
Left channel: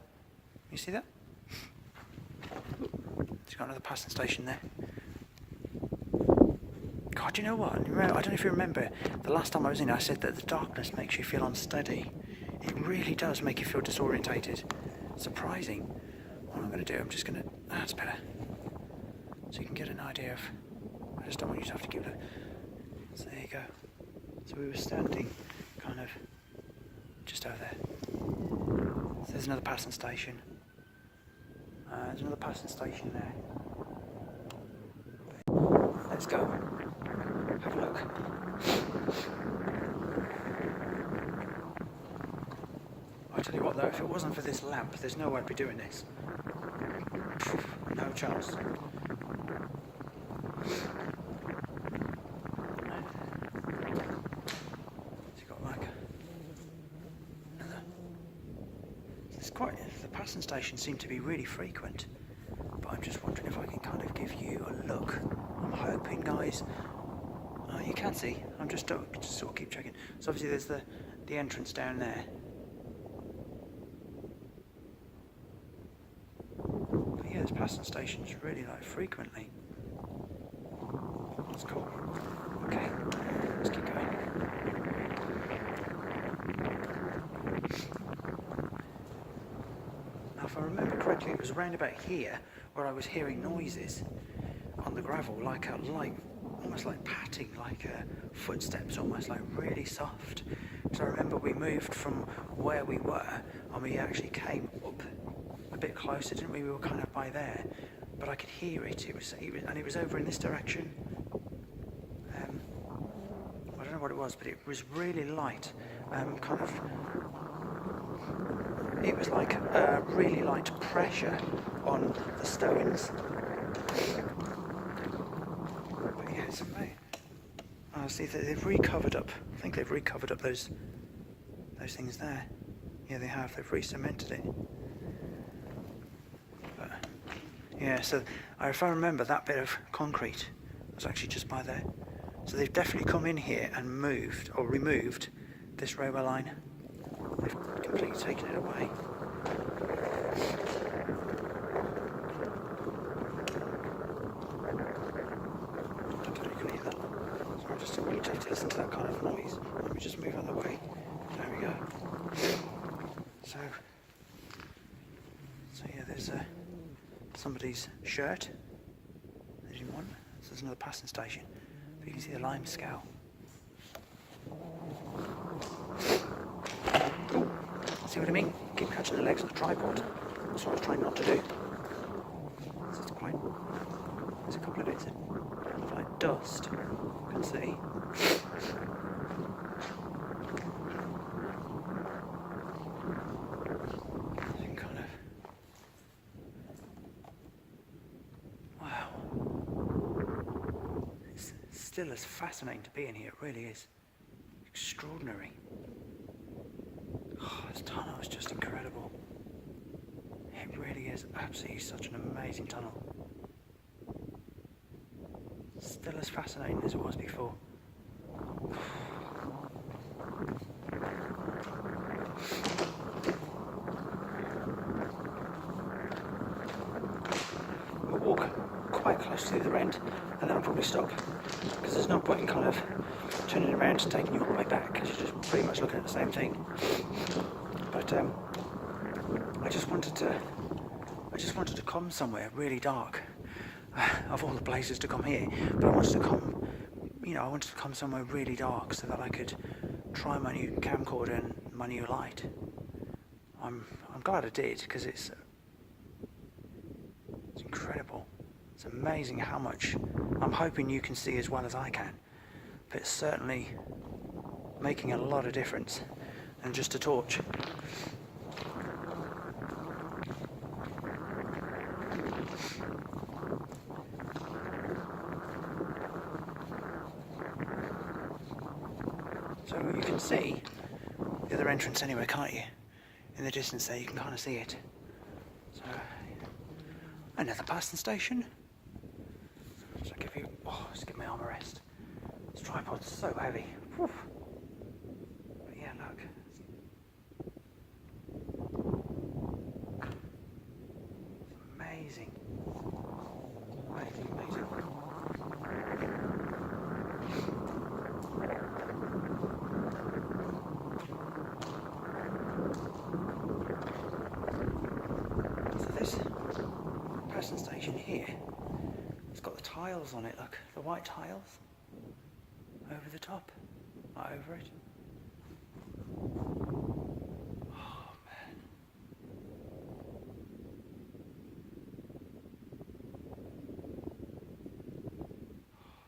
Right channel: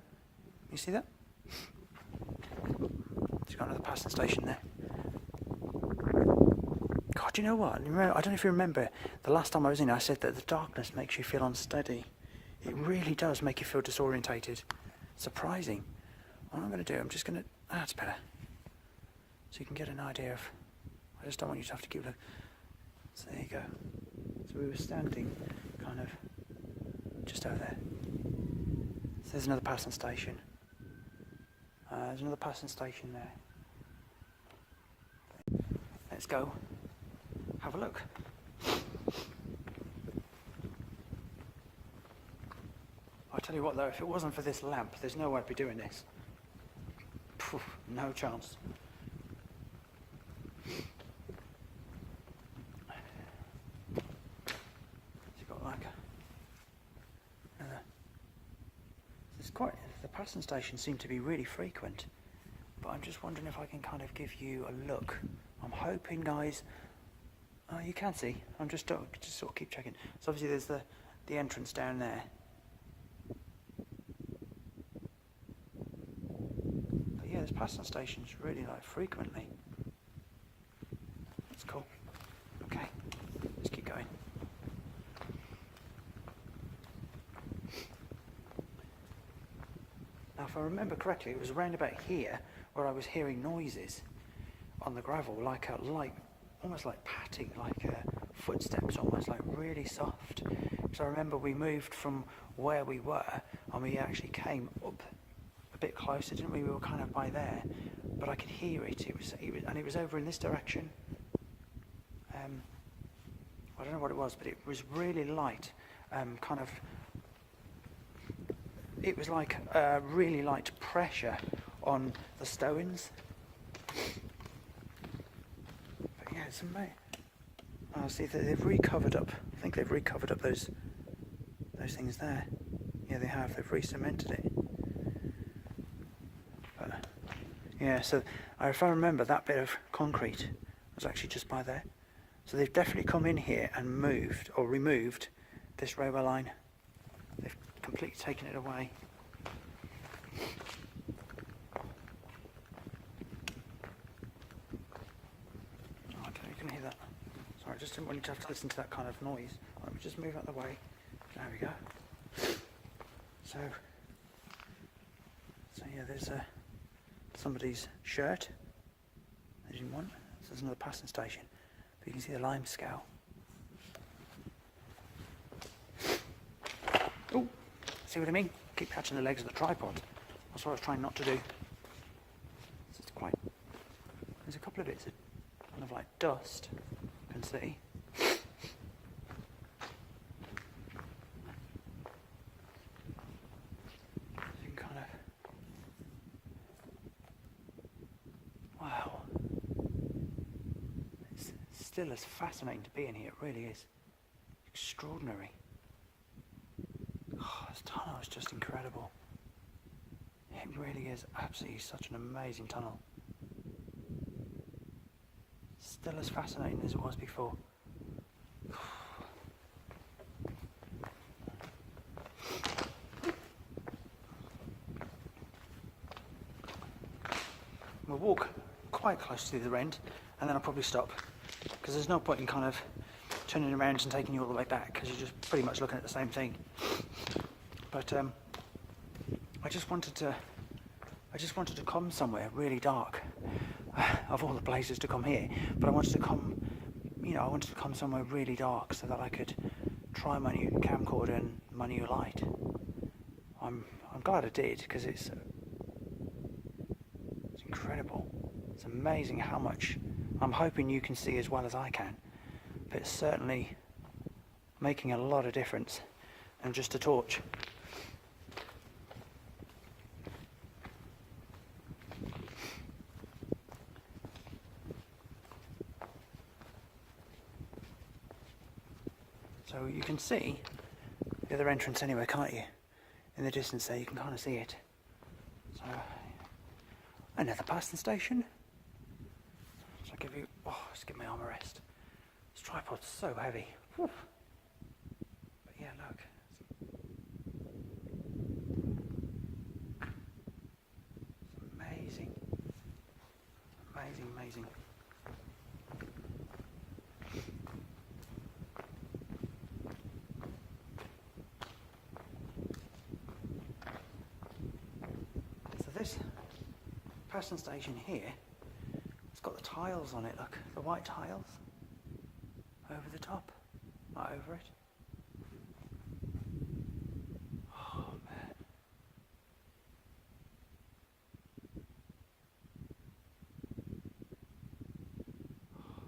you see that? So you've got another passing station there. God, do you know what? I don't know if you remember, the last time I was in I said that the darkness makes you feel unsteady. It really does make you feel disorientated. Surprising. What I'm going to do, I'm just going to, that's better. So you can get an idea of, I just don't want you to have to give it a, so there you go. So we were standing kind of just over there. So there's another passing station. There's another passing station there. Let's go. Have a look. I tell you what though, if it wasn't for this lamp, there's no way I'd be doing this. No chance. It's got like another. It's quite. The passing stations seem to be really frequent, but I'm just wondering if I can kind of give you a look. I'm hoping, guys. Oh, you can see. I'm just sort of keep checking. So obviously there's the entrance down there. But yeah, there's passing stations really like frequently. That's cool. Okay, let's keep going. Now, if I remember correctly, it was around about here where I was hearing noises on the gravel, like almost like patting, like footsteps, almost like really soft. So I remember we moved from where we were, and we actually came up a bit closer, didn't we? We were kind of by there, but I could hear it. It was over in this direction. I don't know what it was, but it was really light, kind of. It was like really light pressure on the stones. Yeah, it's amazing. Oh, see, they've recovered up. I think they've recovered up those things there. Yeah, they have. They've re-cemented it. But, yeah, so if I remember, that bit of concrete was actually just by there. So they've definitely come in here and moved or removed this railway line. They've completely taken it away. So I'm just really to listen to that kind of noise. Let me just move out of the way. There we go. So yeah, there's somebody's shirt they didn't want. So there's another passing station. You can see the lime scale. Oh, see what I mean? Keep catching the legs of the tripod. That's what I was trying not to do. It's quite. There's a couple of bits of like dust. You can see. Kind of. Wow. It's still as fascinating to be in here. It really is. Extraordinary. Oh, this tunnel is just incredible. It really is absolutely such an amazing tunnel. Still as fascinating as it was before. We'll walk quite close to the end and then I'll probably stop, because there's no point in kind of turning around and taking you all the way back, because you're just pretty much looking at the same thing. But I just wanted to come somewhere really dark, of all the places to come here. But I wanted to come somewhere really dark so that I could try my new camcorder and my new light. I'm glad I did, because it's incredible. It's amazing how much I'm hoping you can see as well as I can. But it's certainly making a lot of difference than just a torch. So you can see the other entrance anyway, can't you? In the distance there, you can kind of see it. So, another passing station. So just give my arm a rest. This tripod's so heavy. Whew. But yeah, look. It's amazing. Amazing, amazing. So this passing station here, it's got the tiles on it, look, the white tiles over the top, not over it. Oh man.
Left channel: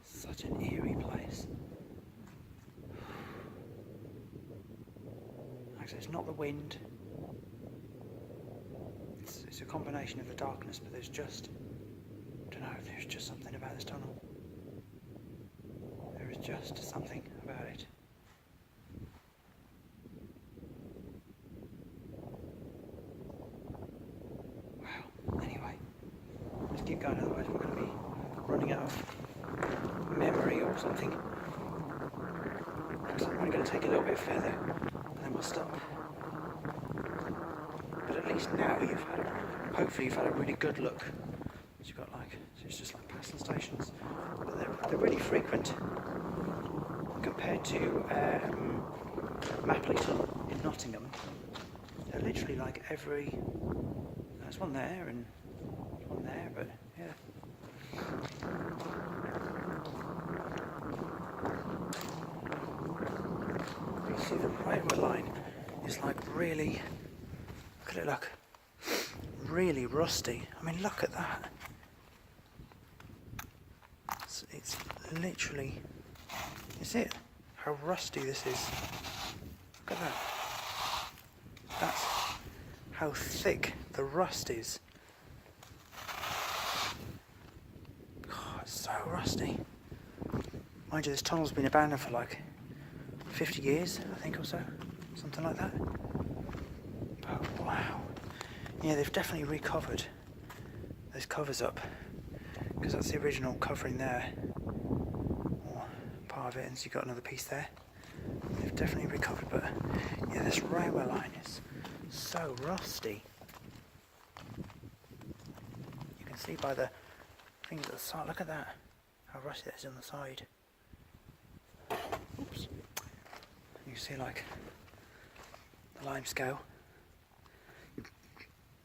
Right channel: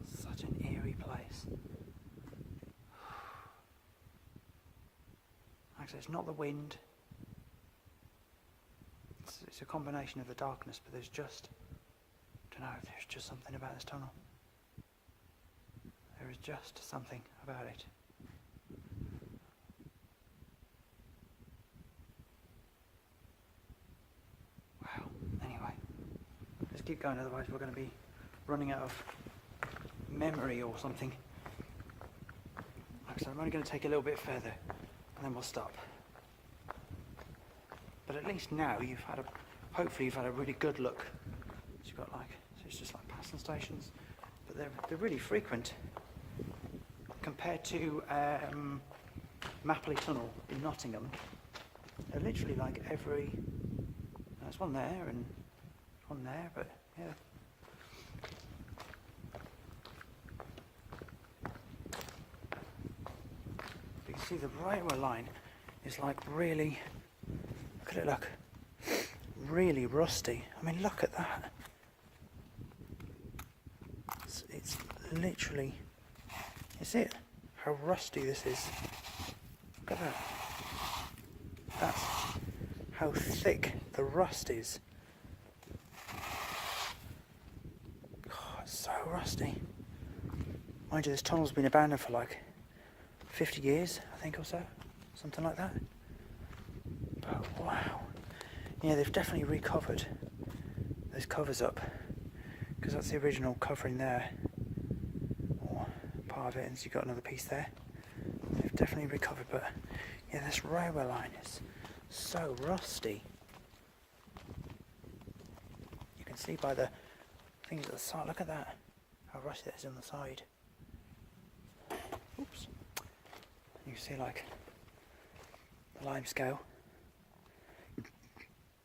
Such an eerie place. Actually, it's not the wind. It's a combination of the darkness, but there's just, I don't know, there's just something about this tunnel. There is just something about it. Wow. Anyway, let's keep going, otherwise we're going to be running out of memory or something. So I'm only going to take a little bit further, and then we'll stop. But at least now hopefully you've had a really good look. You've got so it's just like passing stations, but they're really frequent compared to Mapley Tunnel in Nottingham. They're literally like every. There's one there and one there, but yeah. You can see the railway line is like really. Look at it, look. Really rusty. I mean, look at that. It's literally. Is it? How rusty this is. Look at that. That's how thick the rust is. Oh, it's so rusty. Mind you, this tunnel's been abandoned for like 50 years, I think, or so. Something like that. But wow. Yeah, they've definitely recovered those covers up, because that's the original covering there. part of it, and so you've got another piece there. They've definitely recovered, but yeah, this railway line is so rusty. You can see by the things at the side. Look at that, how rusty that is on the side. Oops. You can see like the lime scale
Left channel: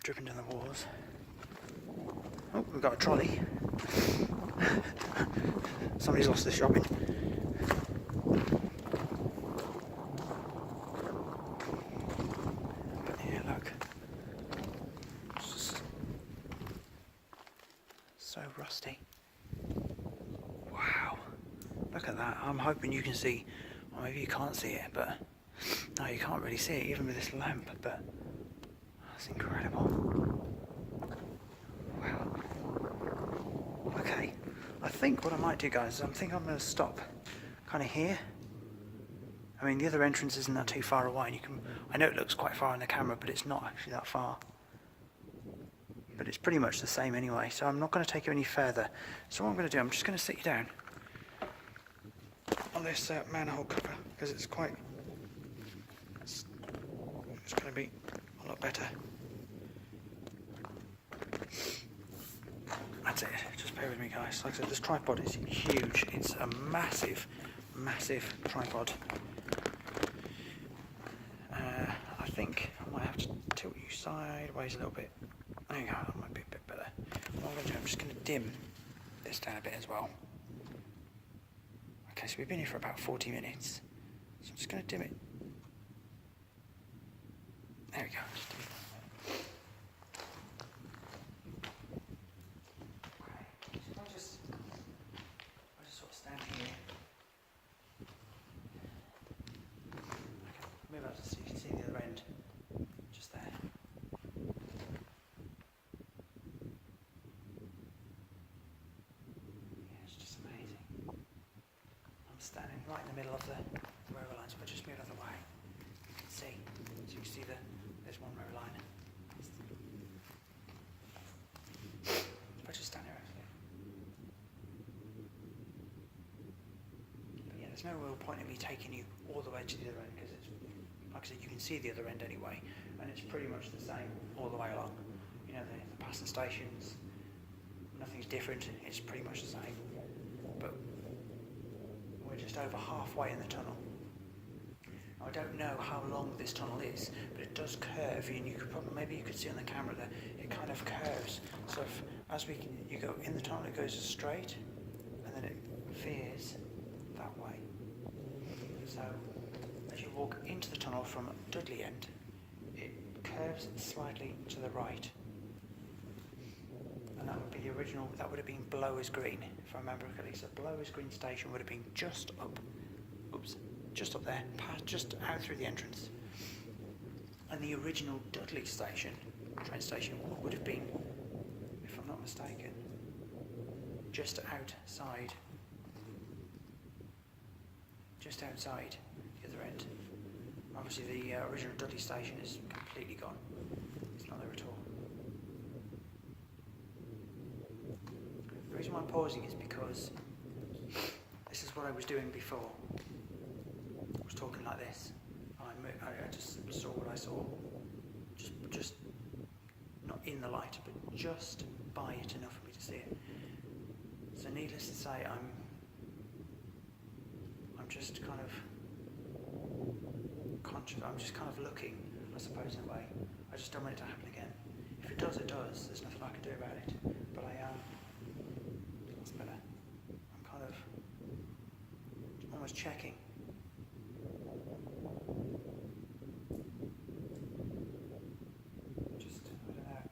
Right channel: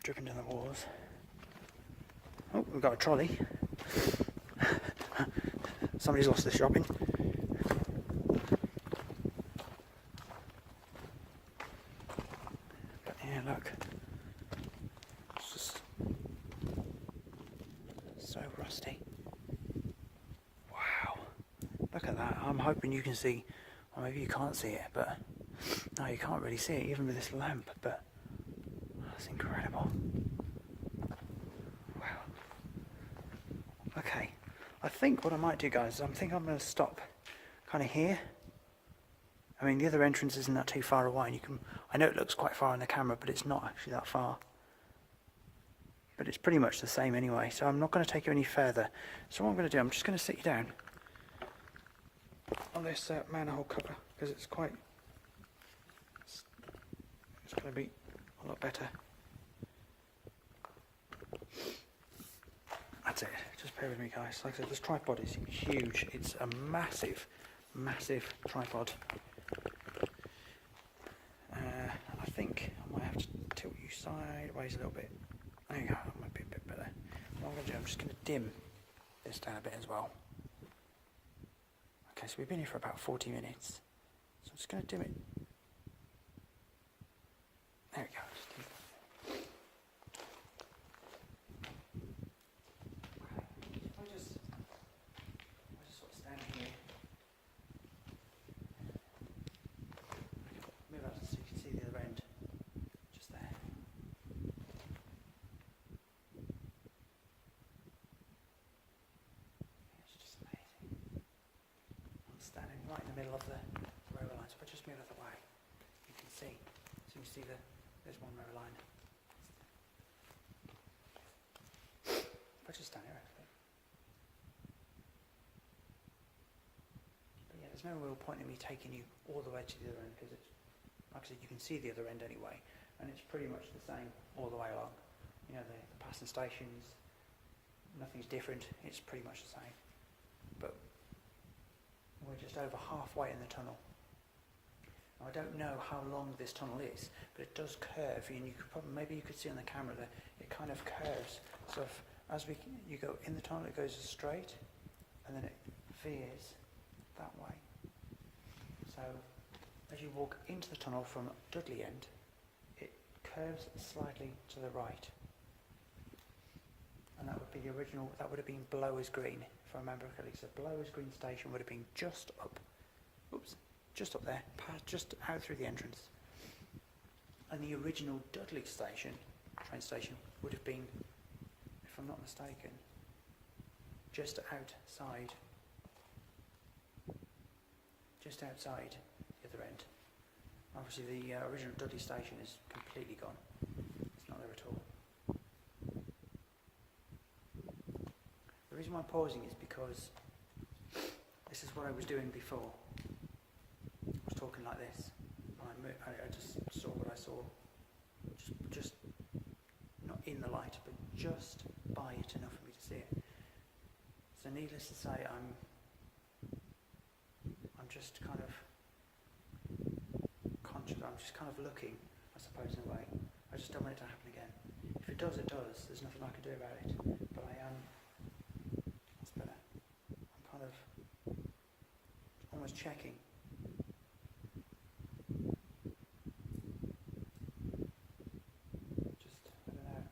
dripping down the walls. Oh, we've got a trolley. Somebody's lost their shopping. Yeah, look. It's just so rusty. Wow. Look at that. I'm hoping you can see, or maybe you can't see it, but no, you can't really see it even with this lamp, but that's incredible. Wow. Okay. I think what I might do, guys, is I'm going to stop kind of here. I mean, the other entrance isn't that too far away, and you can, I know it looks quite far on the camera, but it's not actually that far. But it's pretty much the same anyway, so I'm not going to take you any further. So what I'm going to do, I'm just going to sit you down on this manhole cover, because it's going to be a lot better. That's it, just bear with me, guys. Like I said, this tripod is huge. It's a massive, massive tripod. I think I might have to tilt you sideways a little bit. There you go, that might be a bit better. What I'm going to do, I'm just going to dim this down a bit as well. Okay, so we've been here for about 40 minutes. So I'm just going to dim it. There we go, just dim it. Okay, if I just sort of stand here. Okay, move out so you can see the other end. Just there. Yeah, it's just amazing. I'm standing right in the middle of the railway lines. If I just move out of the way, you can see. So you can see there's one railway line. If I just stand here, actually. But yeah, there's no real point in me taking you all the way to the other end, because it's, like I said, you can see the other end anyway, and it's pretty much the same all the way along. You know, the passing stations, nothing's different, it's pretty much the same. But we're just over halfway in the tunnel. Now, I don't know how long this tunnel is, but it does curve, and you could probably, maybe you could see on the camera that it kind of curves. So you go in the tunnel, it goes straight, and then it veers that way. So as you walk into the tunnel from Dudley end, it curves slightly to the right. And that would be the original, that would have been Blowers Green, if I remember correctly. So Blowers Green station would have been just up there, just out through the entrance. And the original Dudley station, train station, would have been, if I'm not mistaken, just outside the other end. Obviously the original Dudley station is completely gone. It's not there at all. The reason why I'm pausing is because this is what I was doing before. I was talking like this. I just saw what I saw. Just not in the light, but just by it enough for me to see it. So needless to say, I'm just kind of conscious. I'm just kind of looking, I suppose, in a way. I just don't want it to happen again. If it does, it does. There's nothing I can do about it. But I am. That's better. I'm kind of almost checking. Just, I don't know.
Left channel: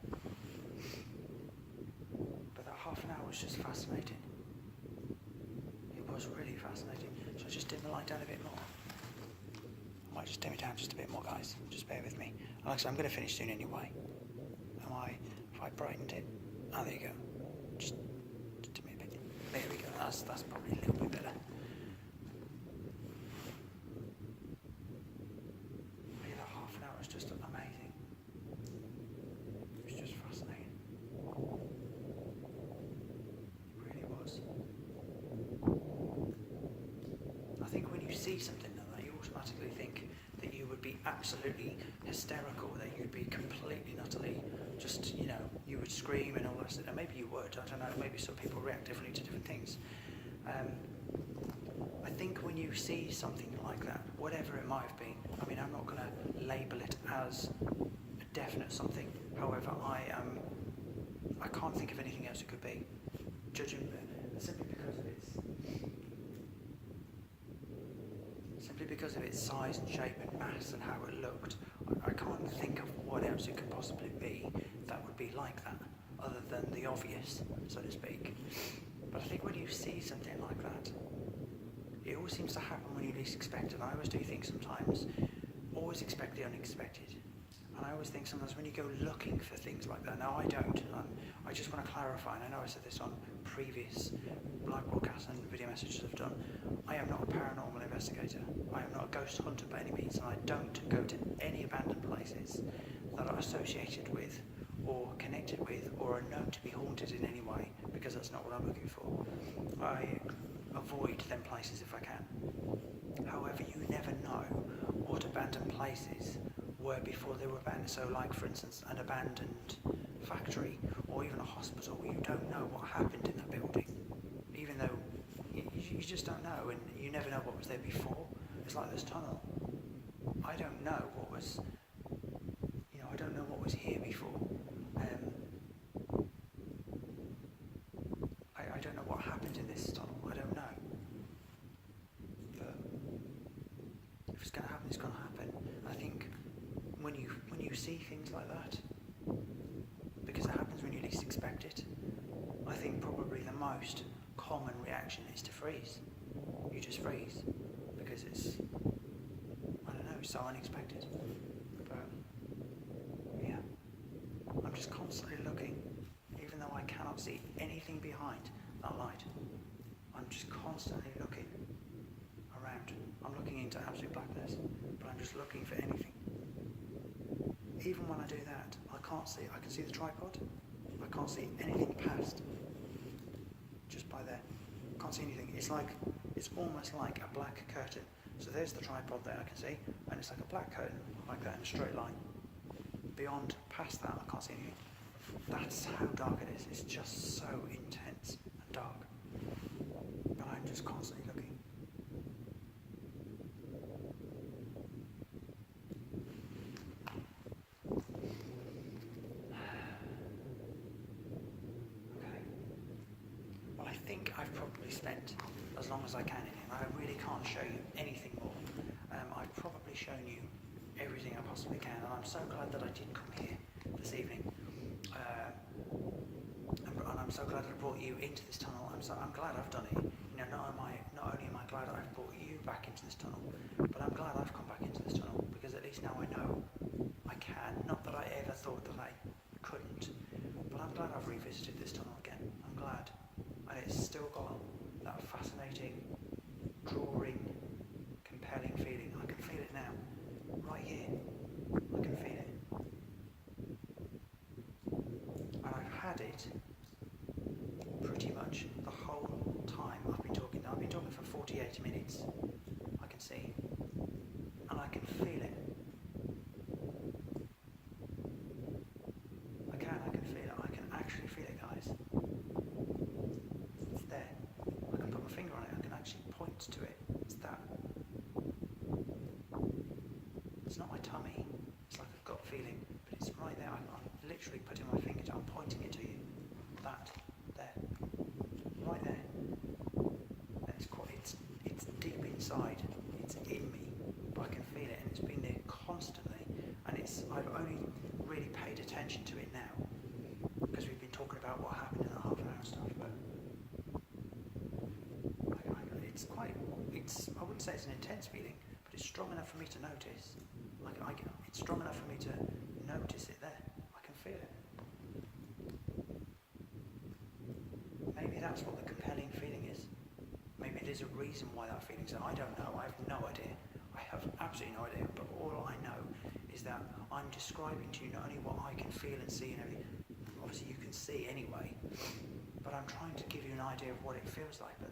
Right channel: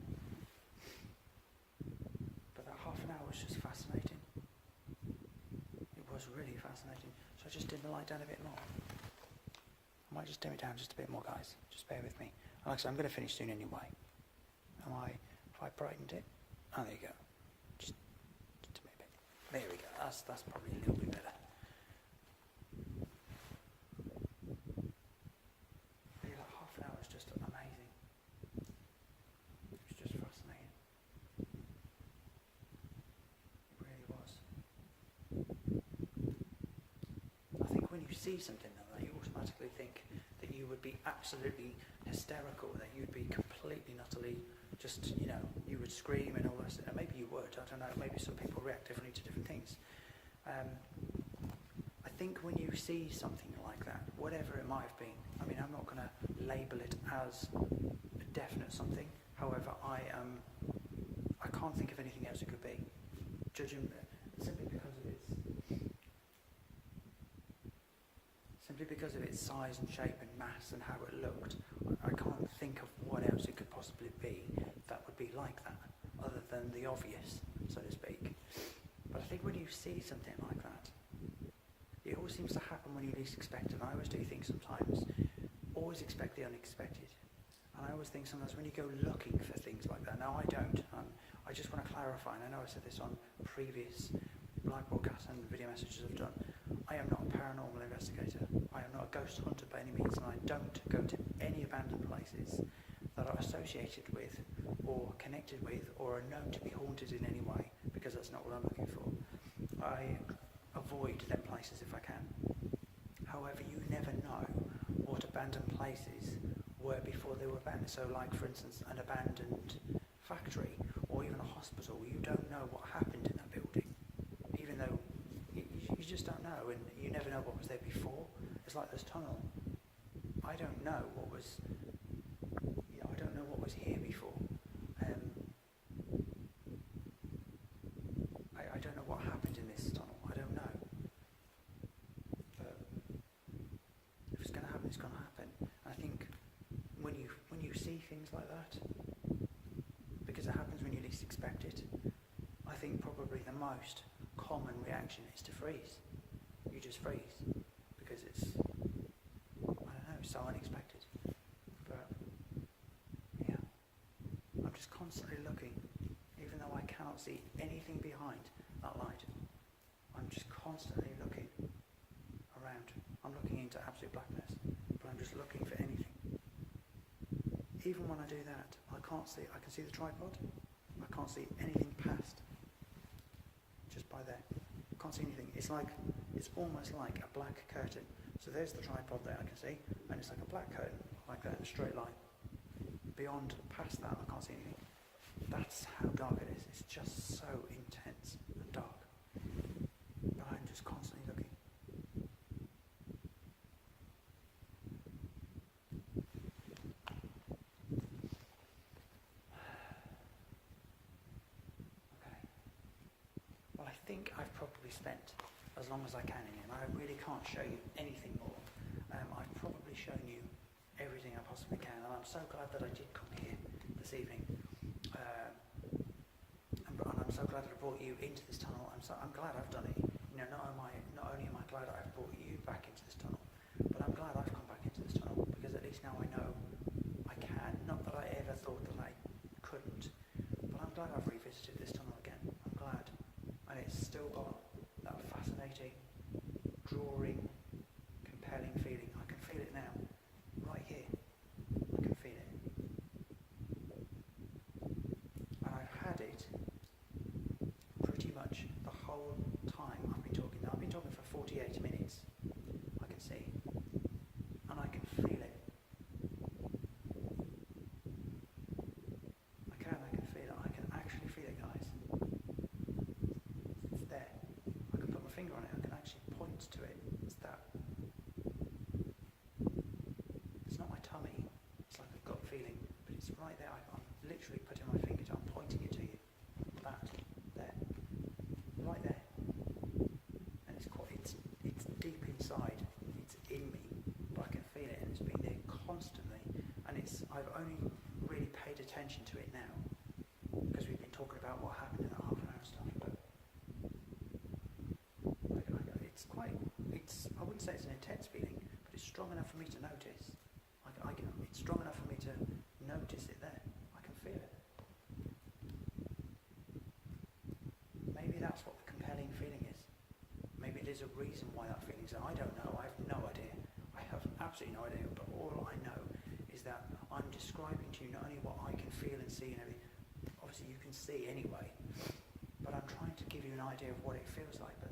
But that half an hour was just fascinating. It was really fascinating. So I just dim the light down a bit more. I might just dim it down just a bit more, guys. Just bear with me. Like I said, I'm going to finish soon anyway. If I brightened it, oh, there you go. Just dim it a bit. There we go. That's probably a little bit better. But yeah, that half an hour was just amazing. It was just fascinating. It really was. see something like that, you automatically think that you would be absolutely hysterical, that you'd be completely and utterly just, you know, you would scream and all the rest of it. Maybe you would, I don't know, maybe some people react differently to different things. I think when you see something like that, whatever it might have been, I mean, I'm not going to label it as a definite something, however, I can't think of anything else it could be, judging simply because of its size and shape and mass and how it looked. I can't think of what else it could possibly be that would be like that, other than the obvious, so to speak. But I think when you see something like that, it always seems to happen when you least expect it. I always do think sometimes, always expect the unexpected. And I always think sometimes when you go looking for things like that, now I don't, I just want to clarify, and I know I said this on previous live broadcasts and video messages I've done, I am not a paranormal investigator. I am not a ghost hunter by any means, and I don't go to any abandoned places that are associated with or connected with or are known to be haunted in any way, because that's not what I'm looking for. I avoid them places if I can. However, you never know what abandoned places were before they were abandoned. So like, for instance, an abandoned factory or even a hospital, you don't know what happened in that building, even though you just don't know, and you never know what was there before. It's like this tunnel. I don't know what was, you know, I don't know what was here before. I don't know what happened in this tunnel. I don't know. But if it's going to happen, it's going to happen. I think when you see things like that, because it happens when you least expect it, I think probably the most common reaction is to freeze. You just freeze because it's, I don't know, so unexpected. But yeah, I'm just constantly looking, even though I cannot see anything behind that light. I'm just constantly looking around. I'm looking into absolute blackness, but I'm just looking for anything. Even when I do that, I can't see. I can see the tripod. I can't see anything past. Just by there, can't see anything. It's almost like a black curtain. So there's the tripod there I can see, and it's like a black curtain, like that in a straight line. Beyond, past that, I can't see anything. That's how dark it is. It's just so intense and dark. But I'm just constantly looking. I think I've probably spent as long as I can in here. I really can't show you anything more. I've probably shown you everything I possibly can, and I'm so glad that I did come here this evening. And I'm so glad that I brought you into this tunnel. I'm glad I've done it. You know, not only am I glad I've brought you back into this tunnel, but I'm glad I've come back into this tunnel, because at least now I know I can. Not that I ever thought that I couldn't, but I'm glad I've revisited this tunnel again. I'm glad. And it's still got that fascinating, drawing, compelling feeling. I can feel it now, right here. I can feel it. And I've had it pretty much the whole time I've been talking. Now, I've been talking for 48 minutes, I can see. And I can feel it. I can feel it. I can actually feel it, guys. It's there. I can put my finger on it. I can actually point to it. It's that. It's not my tummy. It's like a gut feeling, but it's right there. I'm literally putting my finger to it. I'm pointing it to you. That. There. Right there. And it's deep inside. It's in me, but I can feel it, and it's been there constantly. And I've only really paid attention to it now, because we've been talking about what happened in that half an hour and stuff, but I wouldn't say it's an intense feeling, but it's strong enough for me to notice. It's strong enough for me to notice it there. I can feel it. Maybe that's what the compelling feeling is. Maybe there's a reason why that feeling's there. I don't know. I have no idea. I have absolutely no idea, but all I know is that I'm describing to you not only what I can feel and see and everything, obviously you can see anyway, but I'm trying to give you an idea of what it feels like. But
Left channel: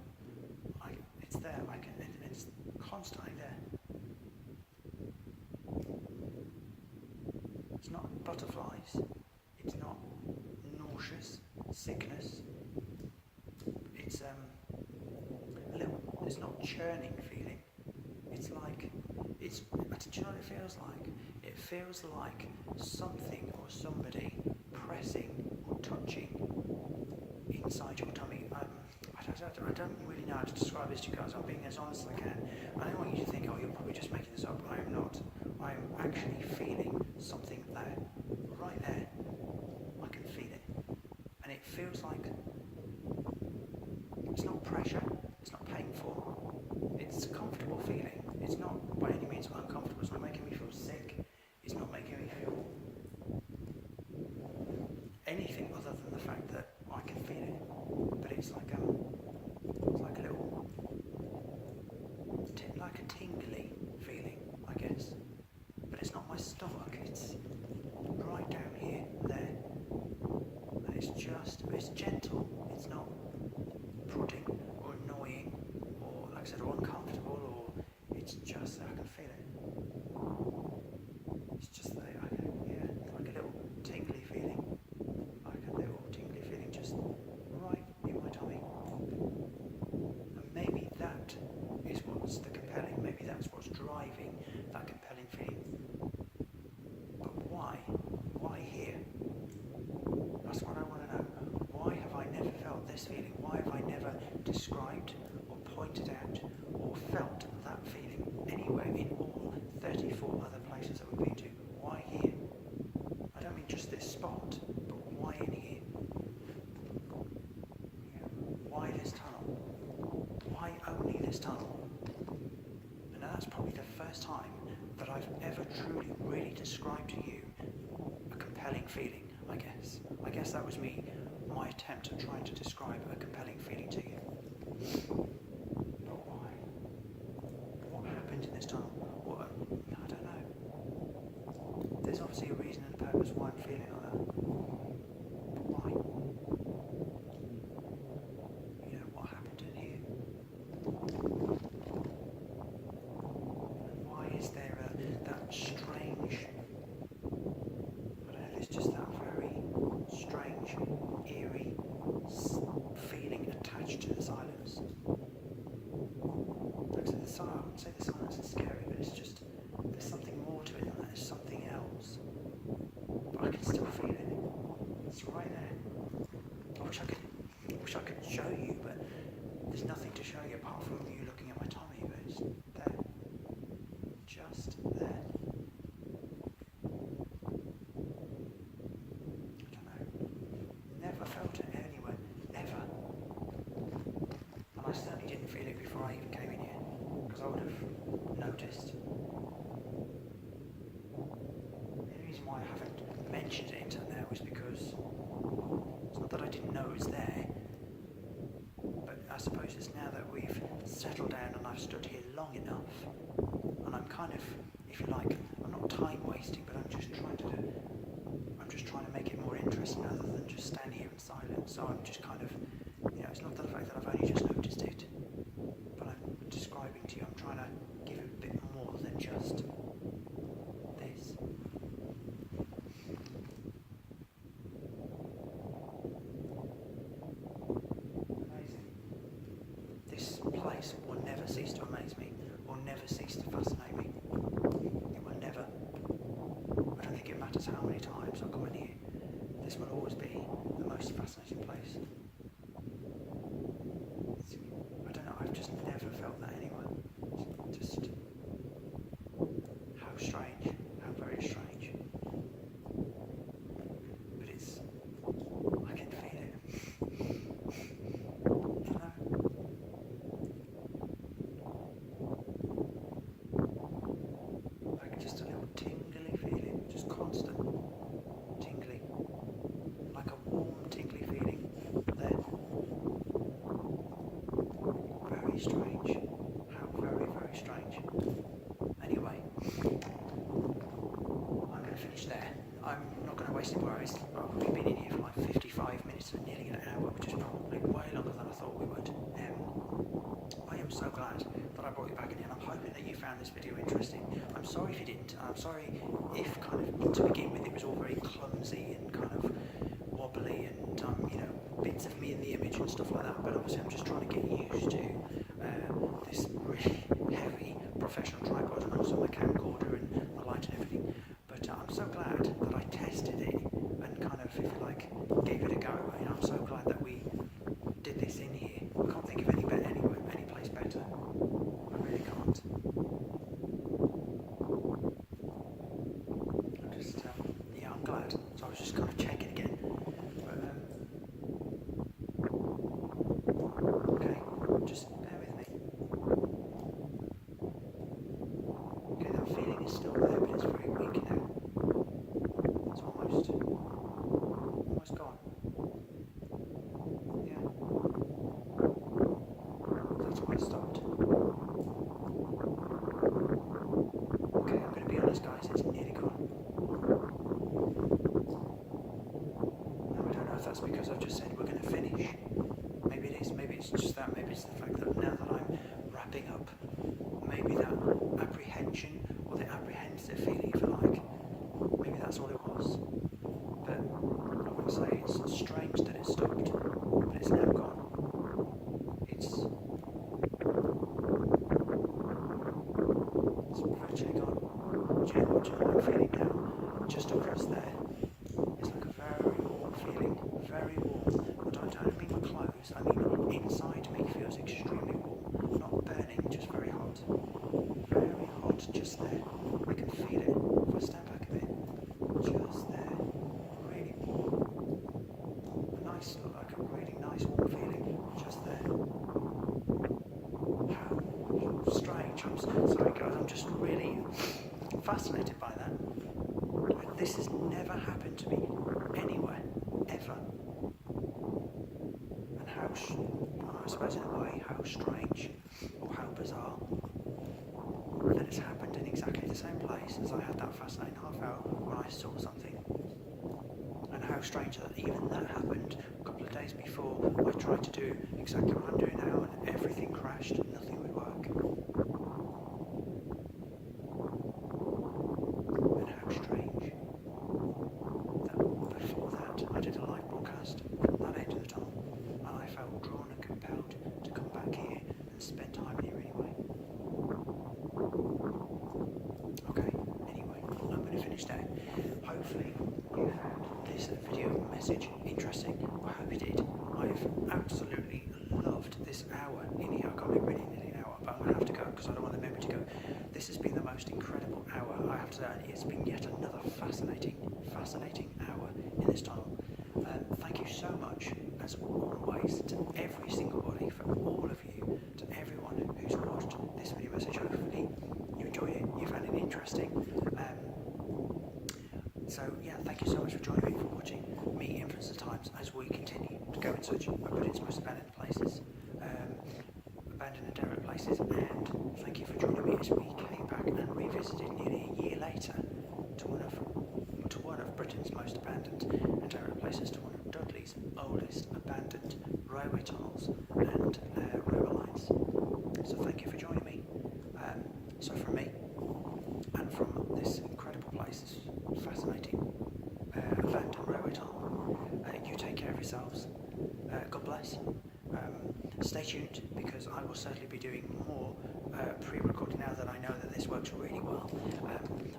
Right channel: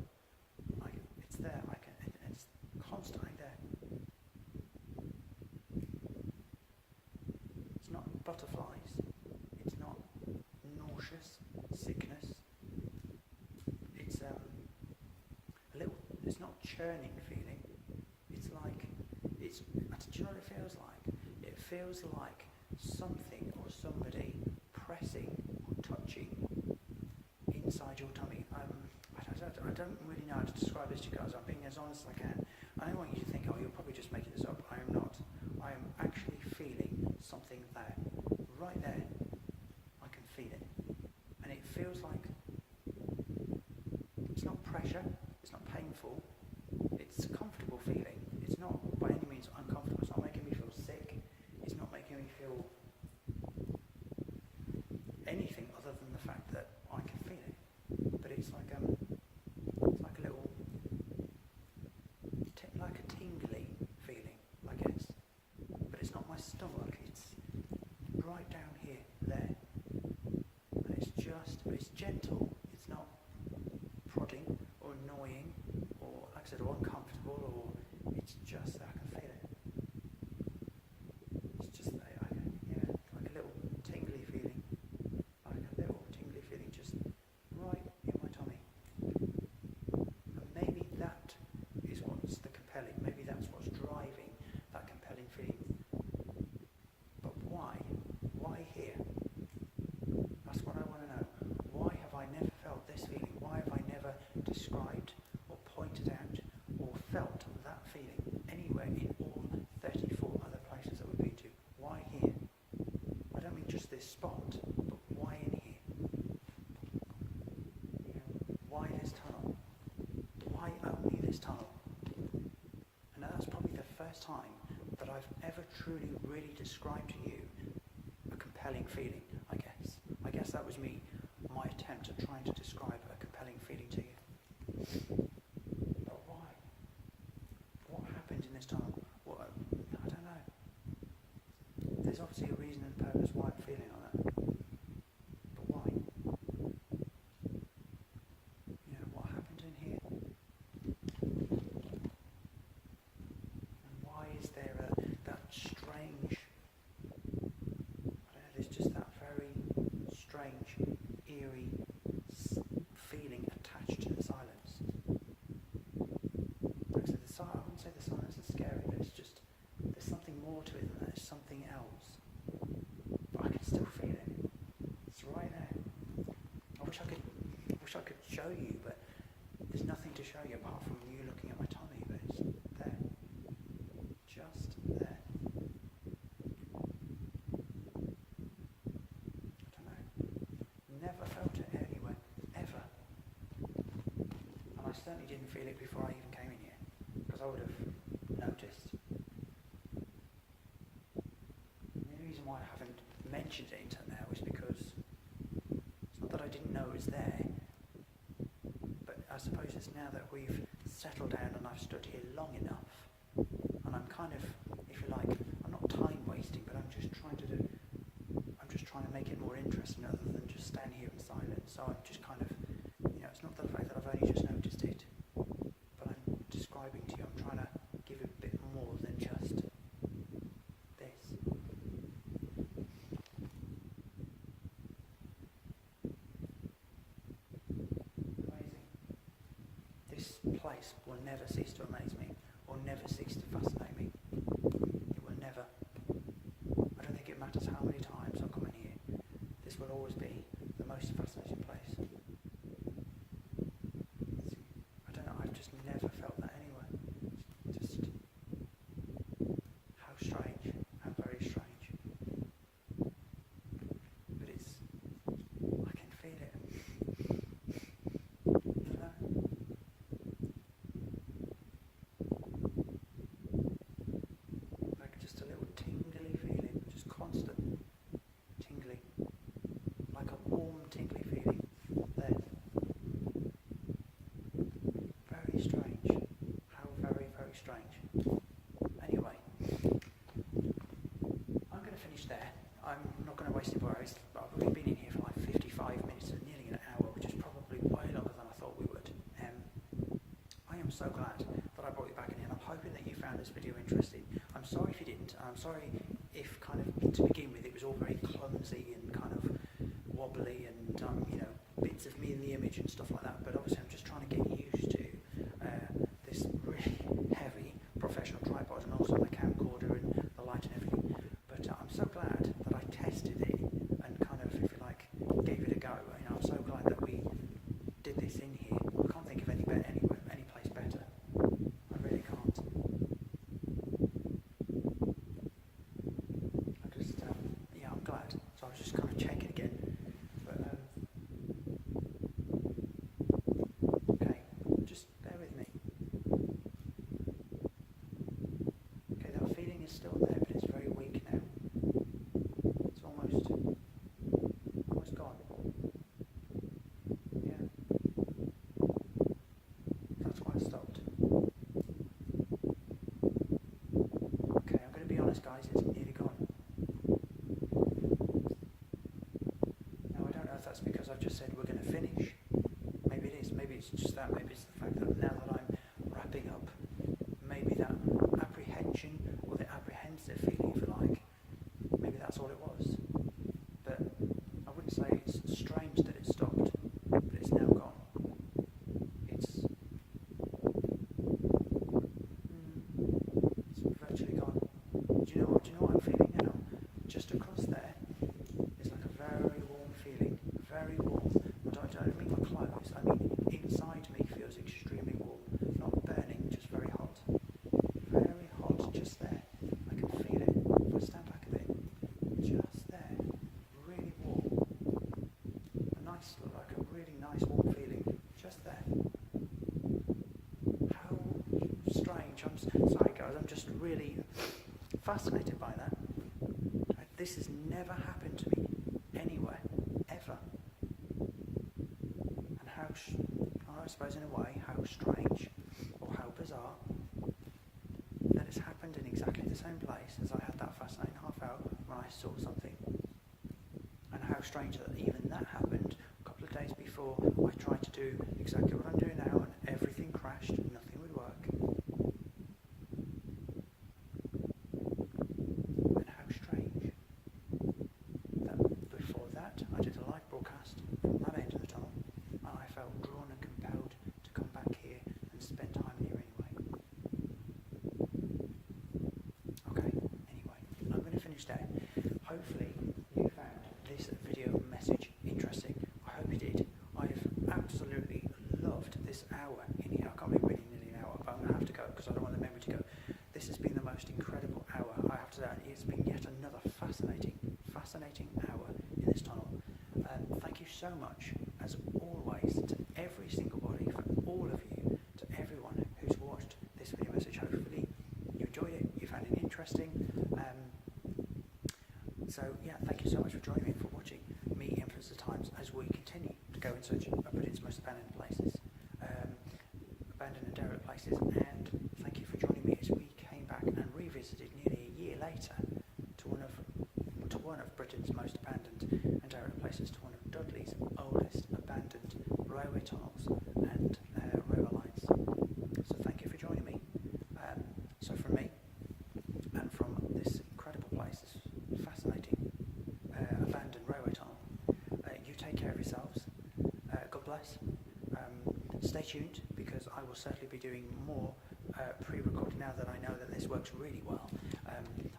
it's there. It's constantly butterflies. It's not nauseous, sickness. It's it's not churning feeling. It's like, do you know what it feels like? It feels like something or somebody pressing or touching inside your tummy. I don't really know how to describe this to you guys. I'm being as honest as I can. I don't want you to think, oh, you're probably just making this up. I am not. I am actually feeling something there. Right there. I can feel it. And it feels like it's not pressure. It's not painful. It's a comfortable feeling. It's not by any means uncomfortable. It's not making me feel sick. It's not making me feel anything other than the fact that I can feel it. But it's like a little, like a tingly feeling, I guess. But it's not my stomach. It's right down here, there, and it's gentle. It's not prodding or annoying or, like I said, or uncomfortable, or it's just that I can feel it. It's just that it's like a little tingly feeling, just right in my tummy. And maybe that is what's the compelling. Maybe that's what's driving that compelling feeling. But why? Why here? That's what I want to know. Why have I never felt this feeling? Why have I never described or pointed out or felt that feeling anywhere in all 34 other places that we've been to? Why here? I don't mean just this spot, but why in here? Why this tunnel? Why only this tunnel? And that's probably the first time that I've ever truly, really described to you a compelling feeling, I guess. I guess that was my attempt at trying to describe a compelling feeling to you. But why? What happened in this tunnel? I don't know. There's obviously a reason and a purpose why I'm feeling like that. But why? What happened in here? And why is there that strange, I don't know, there's just that very strange, eerie feeling attached to the silence. Like I said, I wouldn't say the silence is scary, but it's just, there's something more to it than that. There's something else. But I can still feel it. It's right there. I wish I could show you, but there's nothing to show you apart from you looking at my tummy, but it's there. Just there. I don't know. Never felt it anywhere. Ever. And I certainly didn't feel it before I even came in here, because I would have noticed. The reason why I haven't mentioned it until now is because it's not that I didn't know it was there, but I suppose it's now that we've settled down and I've stood here long enough, and I'm kind of, if you like, I'm not time wasting, but I'm just trying to make it more interesting other than just stand here in silence. So I'm just kind of, it's not the fact that I've only just noticed it, but I'm describing to you, I'm trying to give it a bit more than just this. Amazing. This place will never cease to amaze me, or never cease to fascinate me. It will never. I don't think it matters how many times I come in here. This will always be the most fascinating place. I don't know, I've just never felt that anywhere. Just how strange, how very strange. But I can feel it. I don't know. Like just a little tingly feeling, just constant tingly. Like a warm tingly feeling there. Very strange. How very, very strange. Anyway, I'm going to finish there. I'm not going to waste any more hours. We've been in here for like 55 minutes and nearly an hour, which is probably way longer than I thought we would. I am so glad that I brought you back in here, and I'm hoping that you found this video interesting. I'm sorry if you didn't. I'm sorry if kind of to begin with it was all very clumsy and kind of wobbly and you know, bits of me in the image and stuff like that. But obviously I'm just trying to get used to this really heavy professional tripod and also my camcorder and the light and everything. But I'm so glad that I tested it and kind of, if you like, gave it a go. You know, I'm so glad that we did this in here. I can't think of any place better. I really can't. I'm just, yeah, I'm glad. So I was just kind of checking again. But, okay, just bear with me. Okay, that feeling is still there, but it's very weak now. It's almost gone. Yeah. That's why it stopped. Okay, I'm going to be honest, guys, it's nearly gone. Now, I don't know if that's because I've just said we're going to finish. Maybe it is. Maybe it's just that. Maybe it's the fact that now that I'm wrapping up, maybe that apprehension or the apprehensive feeling, if you like, maybe that's all it was. But I wouldn't say it's strange that it stopped, but it's now gone. It's virtually gone. Do you know what I'm feeling now? Just across there, it's like a very warm feeling, very warm. And I don't mean my clothes, I mean inside me feels extremely warm, not burning, just very hot. Very hot just there. I can feel it if I stand back a bit. Just there. Really warm. Like a really nice warm feeling just there. How strange. I'm sorry guys, I'm just really fascinated by that. This has never happened to me anywhere, ever. And how, I suppose in a way, how strange or how bizarre that it's happened in exactly the same place as I had that fascinating half hour when I saw something. And how strange that even that happened a couple of days before I tried to do exactly what I'm doing now and everything crashed, nothing would work. And how strange that before that I did a live broadcast from that end of the tunnel and I felt drawn and compelled to come back here and spend time here anyway. Okay, anyway, I'm going to finish there. Hopefully you found this video message interesting. I hope you did. I've absolutely loved this hour in here. I can't believe we're nearly an hour, but I'm going to have to go because I don't want the memory to go. This has been the most incredible hour. I have to say, it's been yet another fascinating hour in this tunnel. Thank you so much, as always, to every single body, for all of you, to everyone who's watched this video message. Hopefully you enjoyed it, you found it interesting. So yeah, thank you so much for joining me, for watching me influence the times as we continue to go in search of Britain's most abandoned places, abandoned and derelict places, and thank you for joining me as we came back and revisited nearly a year later to one of Britain's most abandoned and derelict places, to one of Dudley's oldest abandoned railway tunnels and railway lines. So thank you for joining me. So from me and from this incredible place, this fascinating abandoned railway tunnel, you take care of yourselves. God bless. Stay tuned, because I will certainly be doing more pre-recording now that I know that this works really well.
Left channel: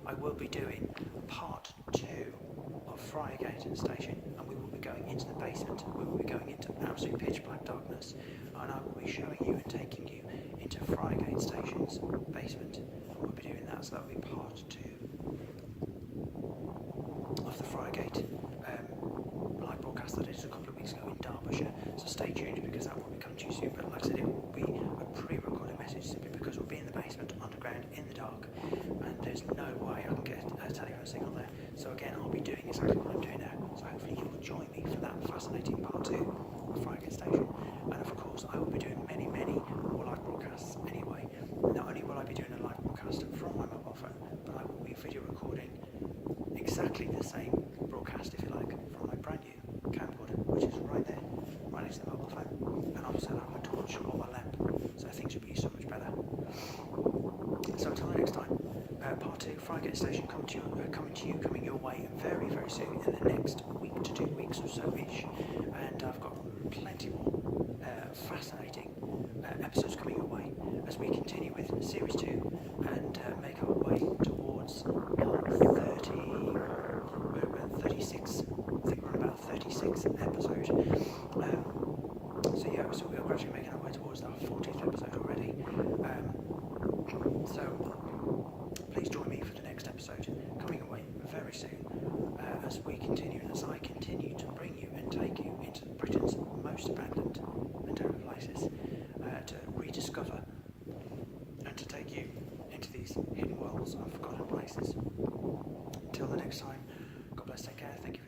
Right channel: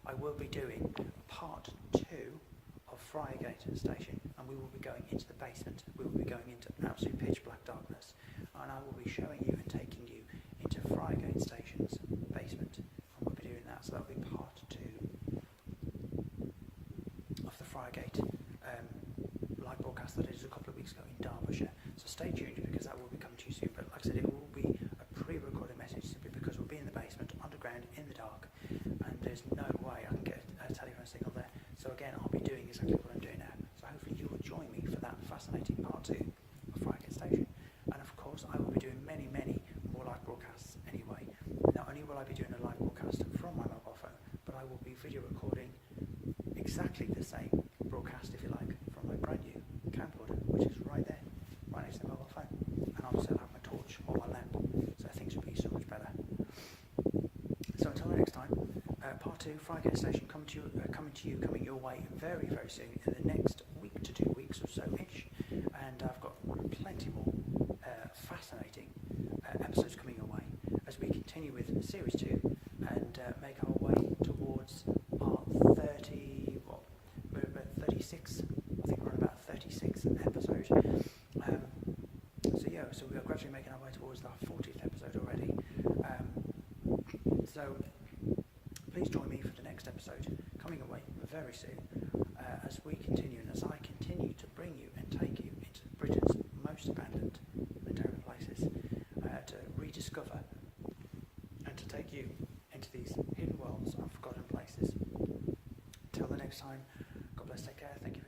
I will be doing part 2 of Friargate Station, and we will be going into the basement. We will be going into absolute pitch black darkness, and I will be showing you and taking you into Friargate Station's basement, and we'll be doing that. So that will be part 2 of the Friargate live broadcast that I did a couple of weeks ago in Derbyshire. So stay tuned, because that will be coming to you soon. But like I said, it will be a pre-recorded message, simply because we'll be in the basement, underground, in the dark, and there's no way I can get a telephone signal there. So again, I'll be doing exactly what I'm doing now. So hopefully you will join me for that fascinating part 2 of Friargate Station. And of course, I will be doing many more live broadcasts anyway. Not only will I be doing a live broadcast from my mobile phone, but I will be video recording exactly the same broadcast, if you like, from my brand new camcorder, which is right there, right next to the mobile phone. And obviously I'll have my torch or my lamp, so things will be so much better. So until next time, Part 2, Friday Station, coming your way very, very soon in the next week to 2 weeks or so-ish. And I've got plenty more fascinating episodes coming your way as we continue with Series 2 and make our way towards part 36. I think we're on about 36 episode. So we are gradually making our way towards our 40th episode already. So please join me for the next episode coming away very soon as we continue and as I continue to bring you and take you into Britain's most abandoned and terrible places to rediscover and to take you into these hidden worlds and forgotten places. Until the next time, God bless, take care, thank you.